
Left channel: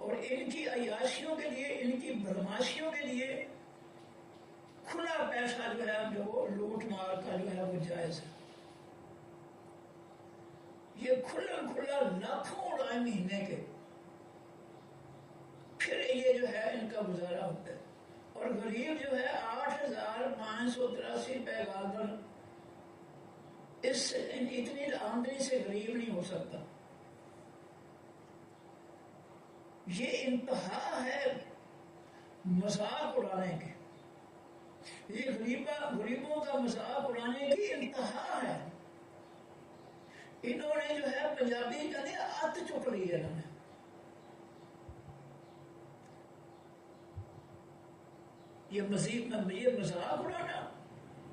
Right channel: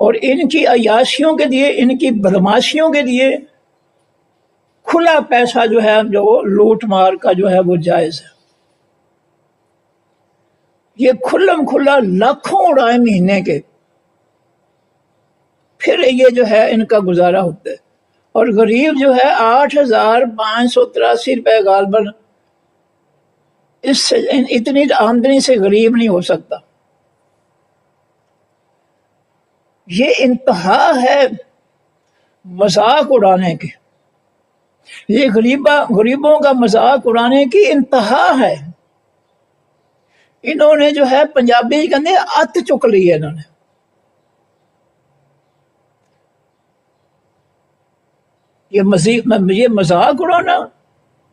اور ان کی عیاشیوں کے لیے، ان کی بدماشیوں کے لیے کھلا پیسہ جو ہے جو لوٹ مار کا جو ہے وہ جائز ہے۔ یہ کھلم کھلا لاکھوں اڑائے مہینے کے، پھر یہ جو ہے ان کا گزارا ہوتا ہے، اور غریب جو ہے 8,583 روپے غالباً، اس سے اتنی آمدنی سے غریب نہیں ہو سکتا۔ یہ انتہا ہے مذاق اڑانے کی، یہ غریبوں کا مذاق اڑانے کی انتہا ہے۔ انہوں نے جو ہے پنجابی کہتے ہیں ات چک لی ہے، انہوں نے یہ مذاق اڑانا،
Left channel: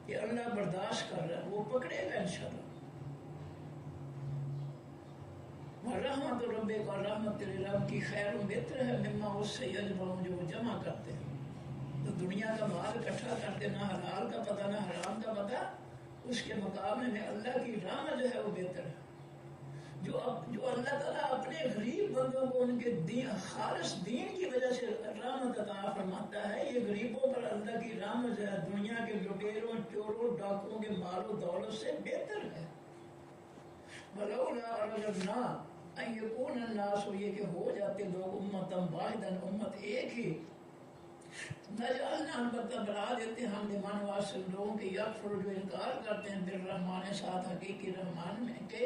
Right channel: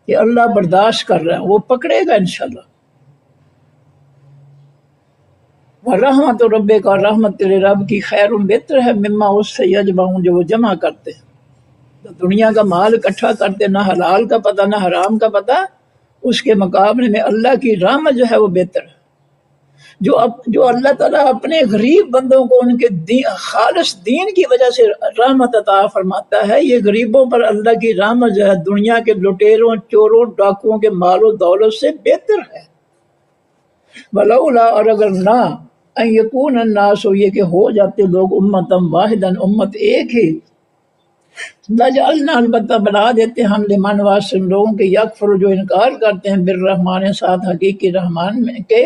یہ اللہ برداشت کر رہا ہے، وہ پکڑے گا انشاءاللہ۔ رحمت رب کا، رحمت تیرے رب کی، خیر بہتر ہے مما اس سے یجمعون جو وہ جمع کرتے ہیں۔ تو دنیا کا مال اکٹھا کرتے، نہ حلال کا پتہ نہ حرام کا پتہ، اس کے مقابلے میں اللہ کی رحمت جو ہے وہ بہتر ہے۔ جو اللہ تعالیٰ اپنے غریب بندوں کو ان کے خالص دین کی وجہ سے رحمت عطا فرماتا ہے، یہ غریبوں پر اللہ کی رحمت جو ہے دنیا کے لٹیروں چوروں ڈاکوؤں کے مال و دولت سے بہتر ہے۔ ولولا، اور اگر نہ، ان یکون الناس، یہ کہ ہو جاتے لوگ امتم واحدن، امت ایک ہی، لجعلنا، البتہ بنا دیتے ہم، لمن واسطے لوگوں کے، یکفر جو انکار کرتے ہیں، بالرحمن ساتھ حقیقی رحمان میں کے،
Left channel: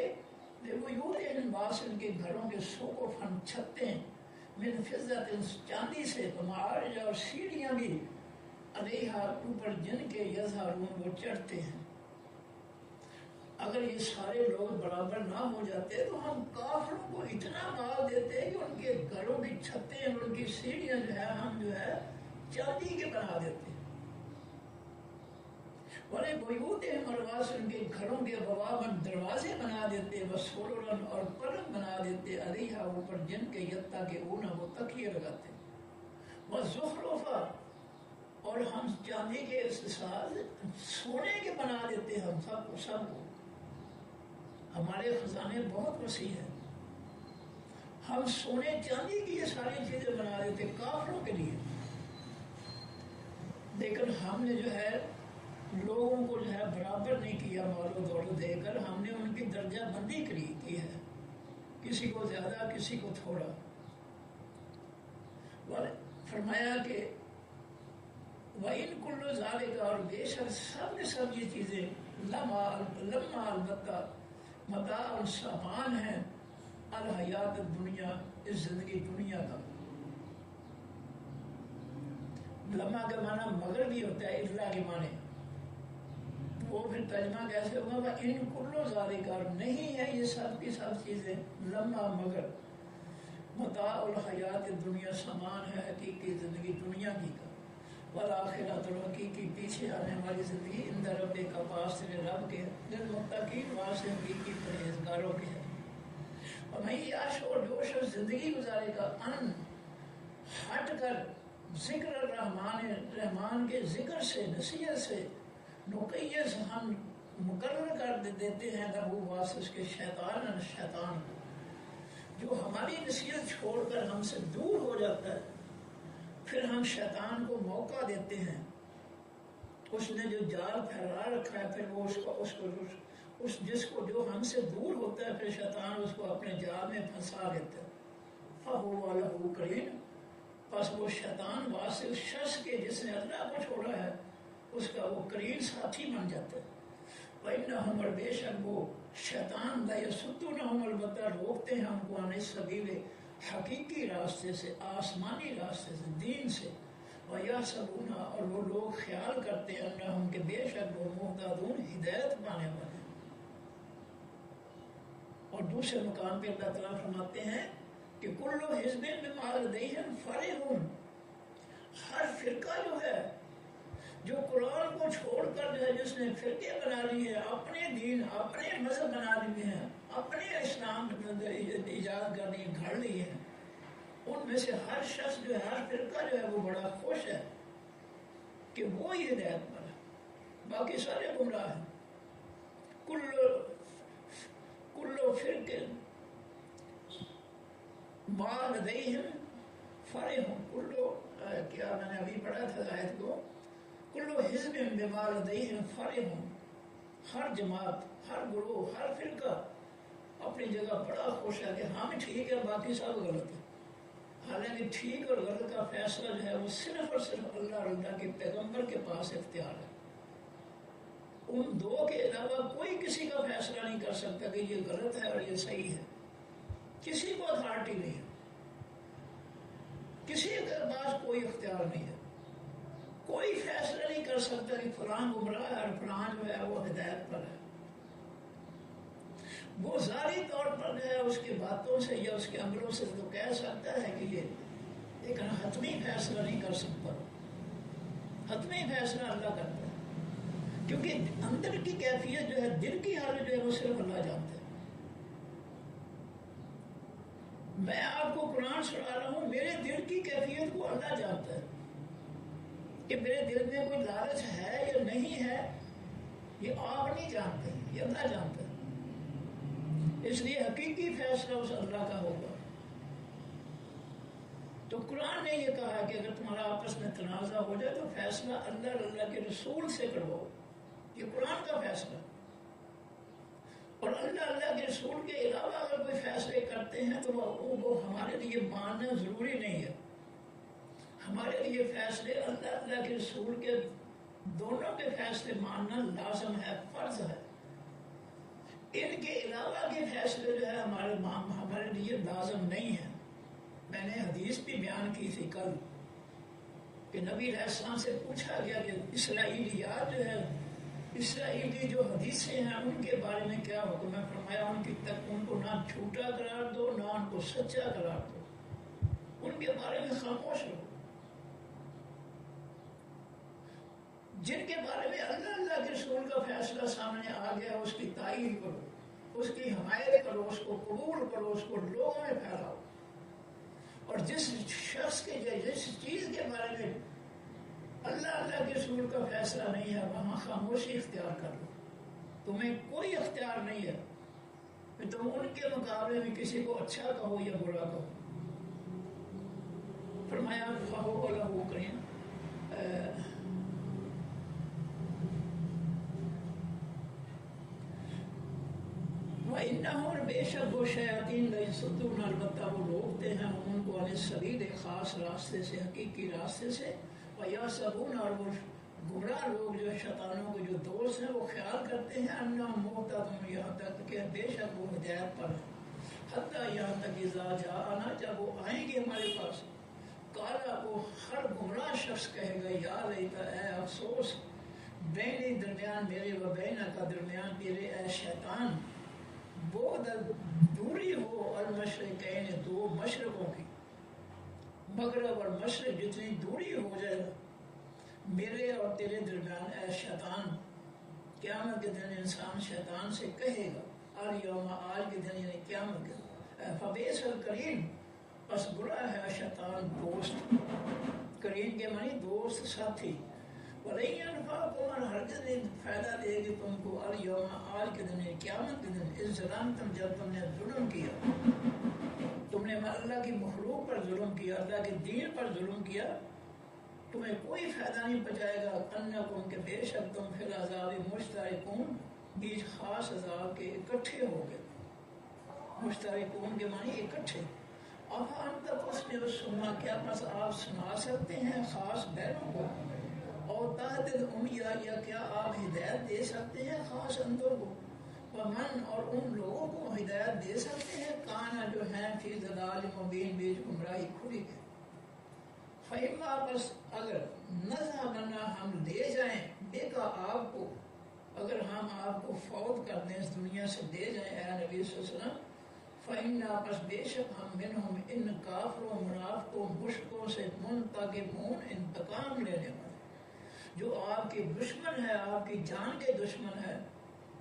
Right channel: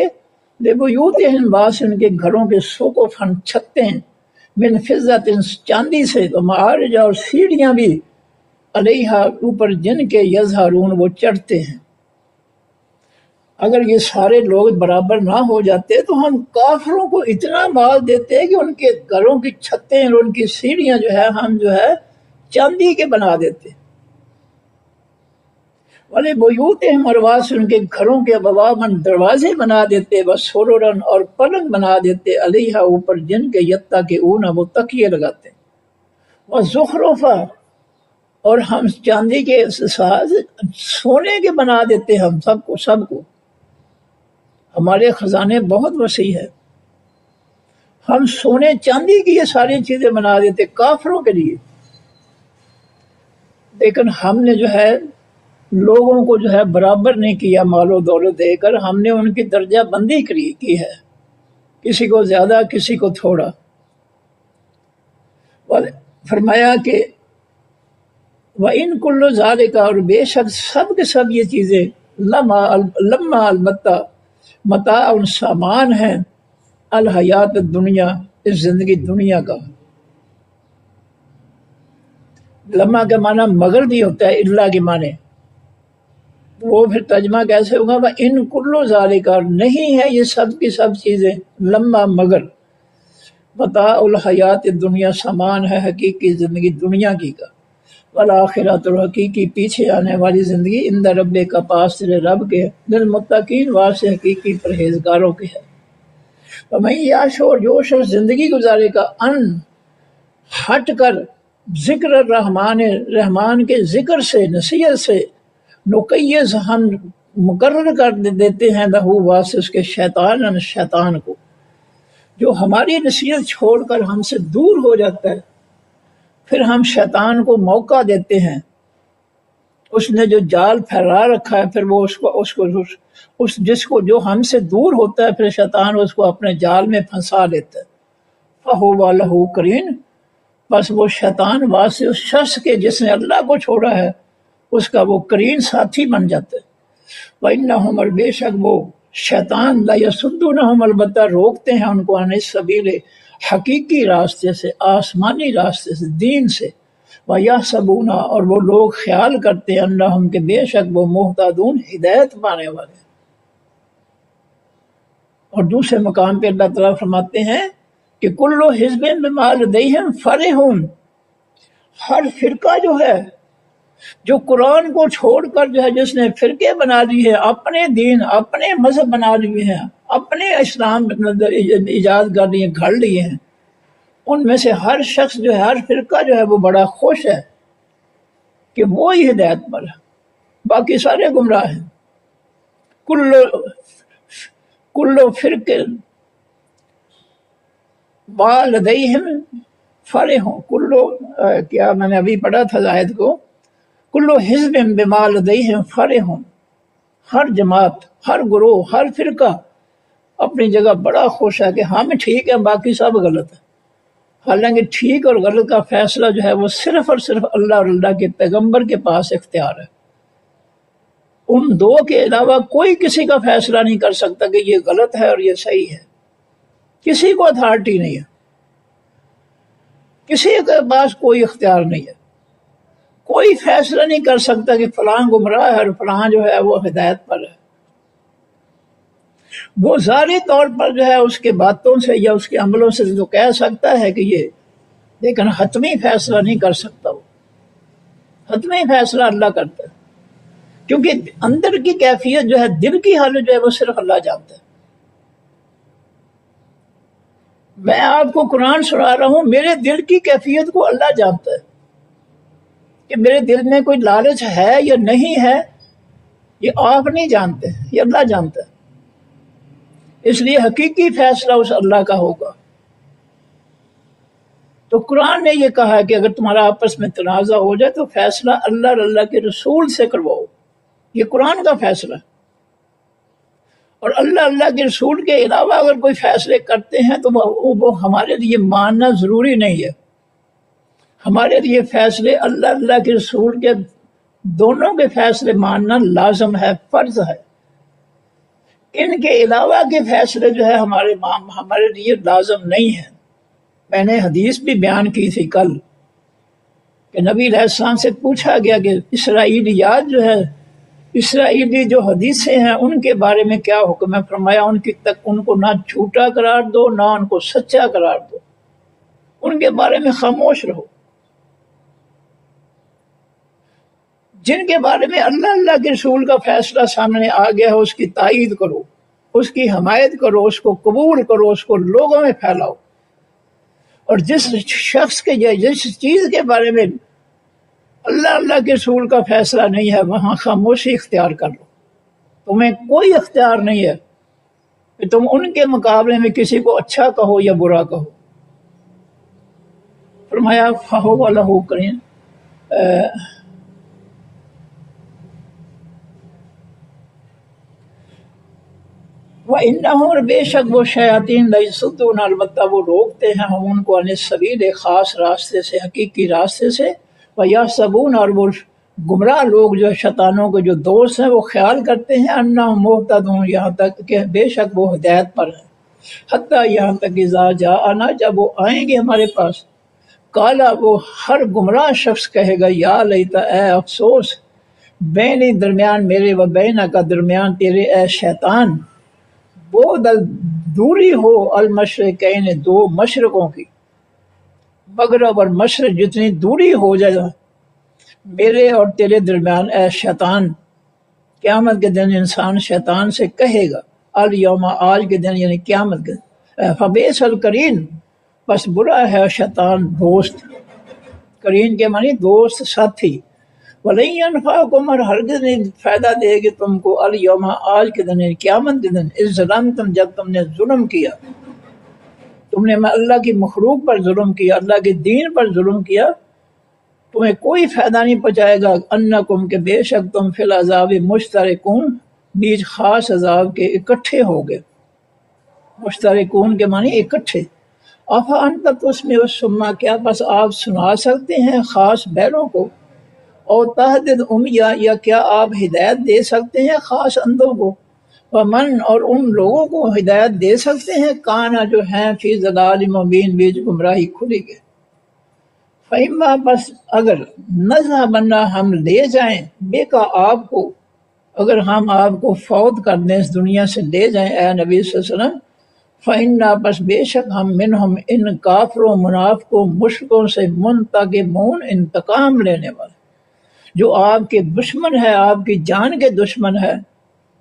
لبیوتہم، باس ان کے گھروں کے، سقفاً چھتیں، من فضۃ چاندی سے، تو معارج اور سیڑھیاں بھی، علیہا اوپر جن کے، یظہرون وہ چڑھتے ہیں۔ اگر یہ سارے لوگ برابر نہ ہو جاتے تو ہم کافروں کو اتنا مال دیتے کہ ان کے گھروں کی چھتیں اور ان کی سیڑھیاں جو ہے ہم جو ہے چاندی کے بنا دیتے، والے بیوتہم، اور واس ان کے گھروں کے، بواباً دروازے بنا دیتے، وسررن اور پلنگ بنا دیتے، علیہا اوپر جن کے، یتکئون وہ تکیے لگاتے، وزخرفا، اور ہم چاندی کے ساز سونے کے بنا دیتے، ہم سب کو ہمارے خزانے بہت وسیع ہے، ہم سونے چاندی کی یہ ساری چیزیں بنا دیتے کافروں کے لیے، لیکن ہم نے جو ہے لوگوں کو جو ہے برابر نہیں کیا مال و دولت دے کر، ہم نے ان کی درجہ بندی کی ہے، کسی کو زیادہ کسی کو تھوڑا۔ فرمایا کہ وَإِن كُلُّ ذَلِكَ، اور بے شک سب کے سب یہ چیزیں، لما البتہ، متاع سامان ہے، الحیات الدنیا، اس زندگی دنیا کا۔ لما کا معنی مگر بھی ہوتا ہے، اللہ کے معنی، وہ پھر ترجمہ کیسے ہوگا؟ وَإِن كُلُّ ذَلِكَ، نہیں ہے یہ سب کی سب چیزیں، لما مگر، متاع الحیات الدنیا، سامان ہے حقیقی زندگی دنیا کی کا، والآخرۃ، اور حقیقی پیچھے آنے والی زندگی، عند رب کا پاس تیرے رب کے، للمتقین واسطے حقیقی پرہیزگاروں کے ہے۔ ومن یعش، اور جو شخص زندگی گزارے کا ان ہٹ کر ذکر الرحمن، رحمان کے ذکر سے، نصیحت سے، نقیض، ہم مقرر کر دیتے ہیں لہو واسطے اس کے شیطان، شیطان کو، جو ہماری نصیحت چھوڑ کر ہم سے دور ہو جاتا ہے، پھر ہم شیطان کو موقع دیتے ہیں، اس نے جو جال پھیلا رکھا ہے، پھر وہ جس کو جو ہم سے دور ہوتا ہے، پھر شیطان اس کو اپنے جال میں پھنسا لیتا ہے۔ فَهُوَ لَهُ قَرِينٌ، بس وہ شیطان واسطے اس شخص کے جس نے اللہ کو چھوڑا ہے، اس کا وہ قرین ساتھی بن جاتا ہے۔ وَإِنَّهُمْ، اور بے شک وہ شیطان، لَيَصُدُّونَهُمْ، البتہ روکتے ہیں ان کو، عن السبیل، حقیقی راستے سے، آسمانی راستے سے، دین سے، وَيَحْسَبُونَ، اور وہ لوگ خیال کرتے ہیں، انہم، کہ بے شک وہ مہتدون، ہدایت پانے والے ہیں۔ اور دوسرے مقام پہ اللہ تعالیٰ فرماتے ہیں کہ کل حزب بما لدیہم فرحون، ہر فرقہ جو ہے، جو قرآن کو چھوڑ کر جو ہے، جس نے فرقے بنا لی ہے، اپنے دین، اپنے مذہب بنا لیے ہیں، اپنے اسلام ایجاد کر لیے، گھڑ لیے ہیں، ان میں سے ہر شخص جو ہے، ہر فرقہ جو ہے، وہ بڑا خوش ہے کہ وہی ہدایت پر ہے، باقی سارے گمراہ ہیں۔ کل فرق ما لدیہم فرحون، کیا میں نے ابھی پڑھا تھا آیت کو، کل حزب بما لدیہم فرحون، ہر جماعت، ہر گروہ، ہر فرقہ اپنی جگہ بڑا خوش ہے کہ ہم ٹھیک ہیں، باقی سب غلط ہے۔ حالانکہ ٹھیک اور غلط کا فیصلہ جو ہے وہ صرف اور صرف اللہ اور اللہ کے پیغمبر کے پاس اختیار ہے۔ ان دو کے علاوہ کوئی کسی کا فیصلہ نہیں کر سکتا کہ یہ غلط ہے اور یہ صحیح ہے۔ کسی کو اتھارٹی نہیں ہے، کسی کے پاس کوئی اختیار نہیں ہے، کوئی فیصلہ نہیں کر سکتا کہ فلاں گمراہ ہے اور فلاں جو ہے وہ ہدایت پر ہے۔ وہ ظاہری طور پر جو ہے اس کے باتوں سے یا اس کے عملوں سے جو کہہ سکتا ہے کہ یہ، لیکن حتمی فیصلہ نہیں کر سکتا۔ وہ حتمی فیصلہ اللہ کرتا ہے، کیونکہ اندر کی کیفیت جو ہے، دل کی حالت جو ہے، وہ صرف اللہ جانتا ہے۔ میں آپ کو قرآن سنا رہا ہوں، میرے دل کی کیفیت کو اللہ جانتا ہے کہ میرے دل میں کوئی لالچ ہے یا نہیں ہے، یہ آپ نہیں جانتے، یہ اللہ جانتا ہے۔ اس لیے حقیقی فیصلہ اس اللہ کا ہوگا۔ تو قرآن نے یہ کہا کہ اگر تمہارا آپس میں تنازع ہو جائے تو فیصلہ اللہ اور اللہ کے رسول سے کرواؤ، یہ قرآن کا فیصلہ ہے۔ اور اللہ کے رسول کے علاوہ اگر کوئی فیصلے کرتے ہیں تو وہ ہمارے لیے ماننا ضروری نہیں ہے۔ ہمارے لیے فیصلے اللہ کے رسول کے دونوں کے فیصلے ماننا لازم ہے، فرض ہے۔ ان کے علاوہ کے فیصلے جو ہے ہمارے لیے لازم نہیں ہیں۔ میں نے حدیث بھی بیان کی تھی کل کہ نبی علیہ السلام سے پوچھا گیا کہ اسرائیلیات جو ہے، اسرائیلی جو حدیثیں ہیں، ان کے بارے میں کیا حکم ہے؟ فرمایا ان کو نہ جھوٹا قرار دو، نہ ان کو سچا قرار دو، ان کے بارے میں خاموش رہو۔ جن کے بارے میں اللہ کے رسول کا فیصلہ سامنے آ گیا ہے، اس کی تائید کرو، اس کی حمایت کرو، اس کو قبول کرو، اس کو لوگوں میں پھیلاؤ۔ اور جس شخص کے یا جس چیز کے بارے میں اللہ کے رسول کا فیصلہ نہیں ہے، وہاں خاموشی اختیار کر لو۔ تمہیں کوئی اختیار نہیں ہے کہ تم ان کے مقابلے میں کسی کو اچھا کہو یا برا کہو۔ فرمایا فَهُوَ لَهُ قَرِينٌ، وَإِنَّهُمْ، اور بے شک وہ شیاطین، لَيَصُدُّونَ، البتہ وہ روکتے ہیں ہم ان کو، عن السبیل، خاص راستے سے، حقیقی راستے سے، وَيَحْسَبُونَ، اور وہ گمراہ لوگ جو شیطانوں کے جو دوست ہیں، وہ خیال کرتے ہیں، انہم مہتدون، یہاں تک کہ بے شک وہ ہدایت پر ہیں، حتیٰ یہاں تک اذا جاءنا، جب وہ آئیں گے ہمارے پاس، کالا، وہ ہر گمراہ شخص کہے گا، یا لیتا، اے افسوس، بینی، درمیان میرے، و بینہ کا، درمیان تیرے، اے شیطان، وہ دوری ہو، المشرقین، دو مشرقوں کی، مغرب اور مشرق جتنی دوری ہو جائے، میرے اور تیرے درمیان اے شیطان، قیامت کے دن انسان شیطان سے کہے گا الیوم، آج کے دن یعنی قیامت کے دن، فبئس القرین، بس برا ہے شیطان دوست، قرین کے معنی دوست ساتھی، وَلَن يَنفَعَكُمْ، اور ہرگز نہیں فائدہ دے گی تم کو، الیوم، آج کے دن یعنی قیامت کے دن، اذ ظلمتم، جب تم نے ظلم کیا، تم نے اللہ کی مخلوق پر ظلم کیا، اللہ کے دین پر ظلم کیا، تمہیں کوئی فائدہ نہیں پہنچائے گا، انکم، کہ بے شک تم فی العذاب مشترکون، بیچ خاص عذاب کے اکٹھے ہو گئے، مشترکون کے معنی اکٹھے، افا انت تسمع الصم، کیا بس آپ سنا سکتے ہیں خاص بہروں کو، اور تہدد امیہ، یا کیا آپ ہدایت دے سکتے ہیں خاص اندھوں کو، ومن، اور ان لوگوں کو ہدایت دے سکتے ہیں، کانا، جو ہیں فی ضلال مبین، بیچ گمراہی کھلی گئے، فَإِمَّا، بس اگر نذهبن، ہم لے جائیں، بے کا آپ کو، اگر ہم آپ کو فوت کر دیں اس دنیا سے لے جائیں اے نبی صلی اللہ علیہ وسلم، فَإِنَّا، بس بے شک ہم، منہم، ان کافروں منافقوں مشرکوں سے، منتقمون، انتقام لینے والے، جو آپ کے دشمن ہے، آپ کی جان کے دشمن ہے،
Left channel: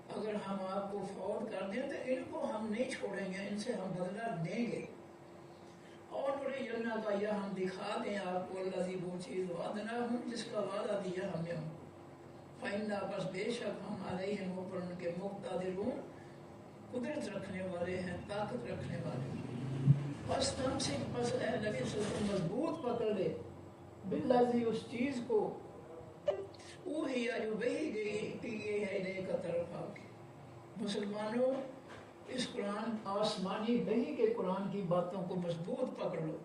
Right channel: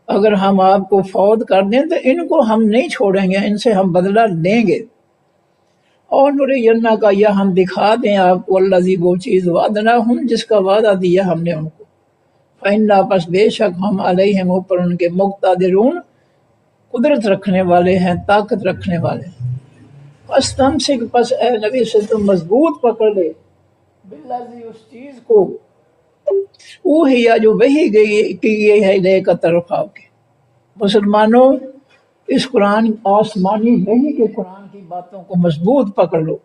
اگر ہم آپ کو فوت کر دیں تو ان کو ہم نہیں چھوڑیں گے، ان سے ہم بدلہ لیں گے، اور نُرِيَنَّكَ کا، یا ہم دکھا دیں آپ کو، الذی، وہ چیز، وعدناہم، جس کا وعدہ دیا ہم نے ان کو، فَإِنَّا، پس بے شک ہم، علیہم، اوپر ان کے، مقتدرون، قدرت رکھنے والے ہیں، طاقت رکھنے والے ہیں، فَاسْتَمْسِكْ، پس اے نبی سے تم مضبوط پکڑ لے، بالذی، اس چیز کو، اوحیا، جو وحی گئی کی گئی ہے، الیک، طرف آپ کے، مسلمانوں، اس قرآن، آسمانی وحی کے قرآن کی باتوں کو مضبوط پکڑ لو،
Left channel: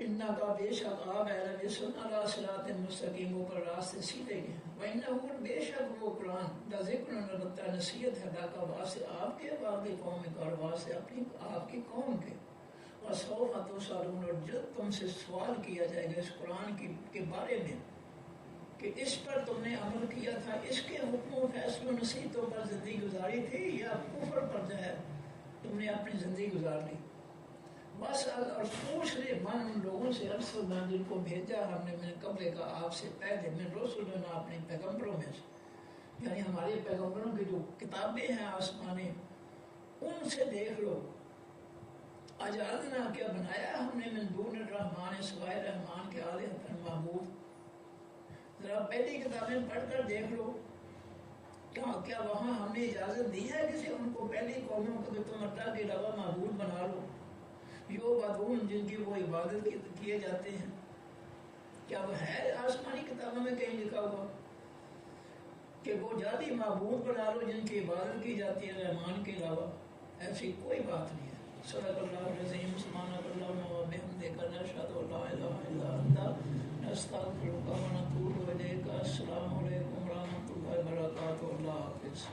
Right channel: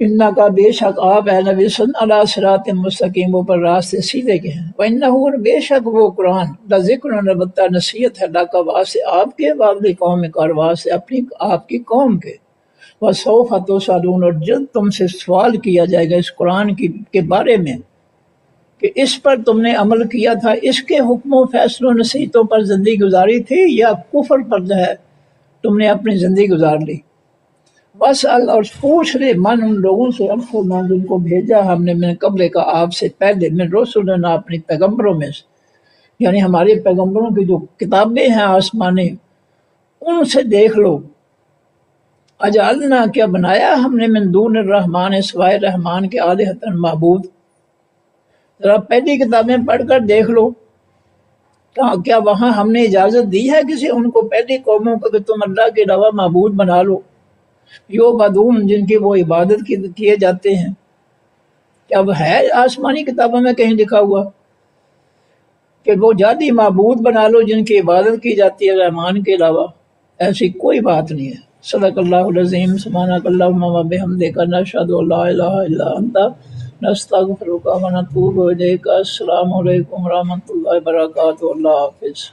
انکا، بے شک آپ اے نبی صلی اللہ علیہ صراط مستقیم، پر راستے سیدھے کے ہیں، وَإِنَّهُ، اور بے شک وہ قرآن، لذکر، البتہ نصیحت ہے، لک، واسطے آپ کے، واقعی قوم کار، واسطے اپنی آپ کی قوم کے، وَسَوْفَ تُسْأَلُونَ، اور جلد تم سے سوال کیا جائے گا اس قرآن کے بارے میں، کہ اس پر تم نے عمل کیا تھا، اس کے حکم و فیصلوں نصیحتوں پر زندگی گزاری تھی، یا کفر پر جو ہے تم نے اپنی زندگی گزار لی، بس اور پوچھ لے، من، ان لوگوں سے، ارسلنا، جن کو بھیجا ہم نے، من قبل کا، آپ سے پہلے، من رسلنا، اپنی پیغمبروں میں سے، یعنی ہمارے پیغمبروں کی جو کتابیں ہیں آسمانی، ان سے دیکھ لو، اجعلنا، کیا بنایا ہم نے، من دون الرحمن، سوائے رحمان کے، آلہۃ، معبود، ذرا پہلی کتابیں پڑھ کر دیکھ لو، کیا وہاں ہم نے اجازت دی ہے کسی ان کو، پہلی قوموں کو، کہ تم اللہ کے علاوہ معبود بنا لو، یو بدون، جن کی وہ عبادت کیے جاتے ہیں، کیا وہ ہے آسمانی کتابوں میں کہیں لکھا ہوا کہ وہ جادی معبود بنا لو جن کی عبادت کی جاتی ہے رحمان کے علاوہ؟ ایسی کوئی بات نہیں ہے۔ صدق اللہ العظیم، سبحانک اللہم و بحمدک، نشہد ان لا الہ الا انت، نستغفرک و نتوب الیک۔ السلام علیکم ورحمۃ اللہ وبرکاتہ، اللہ حافظ۔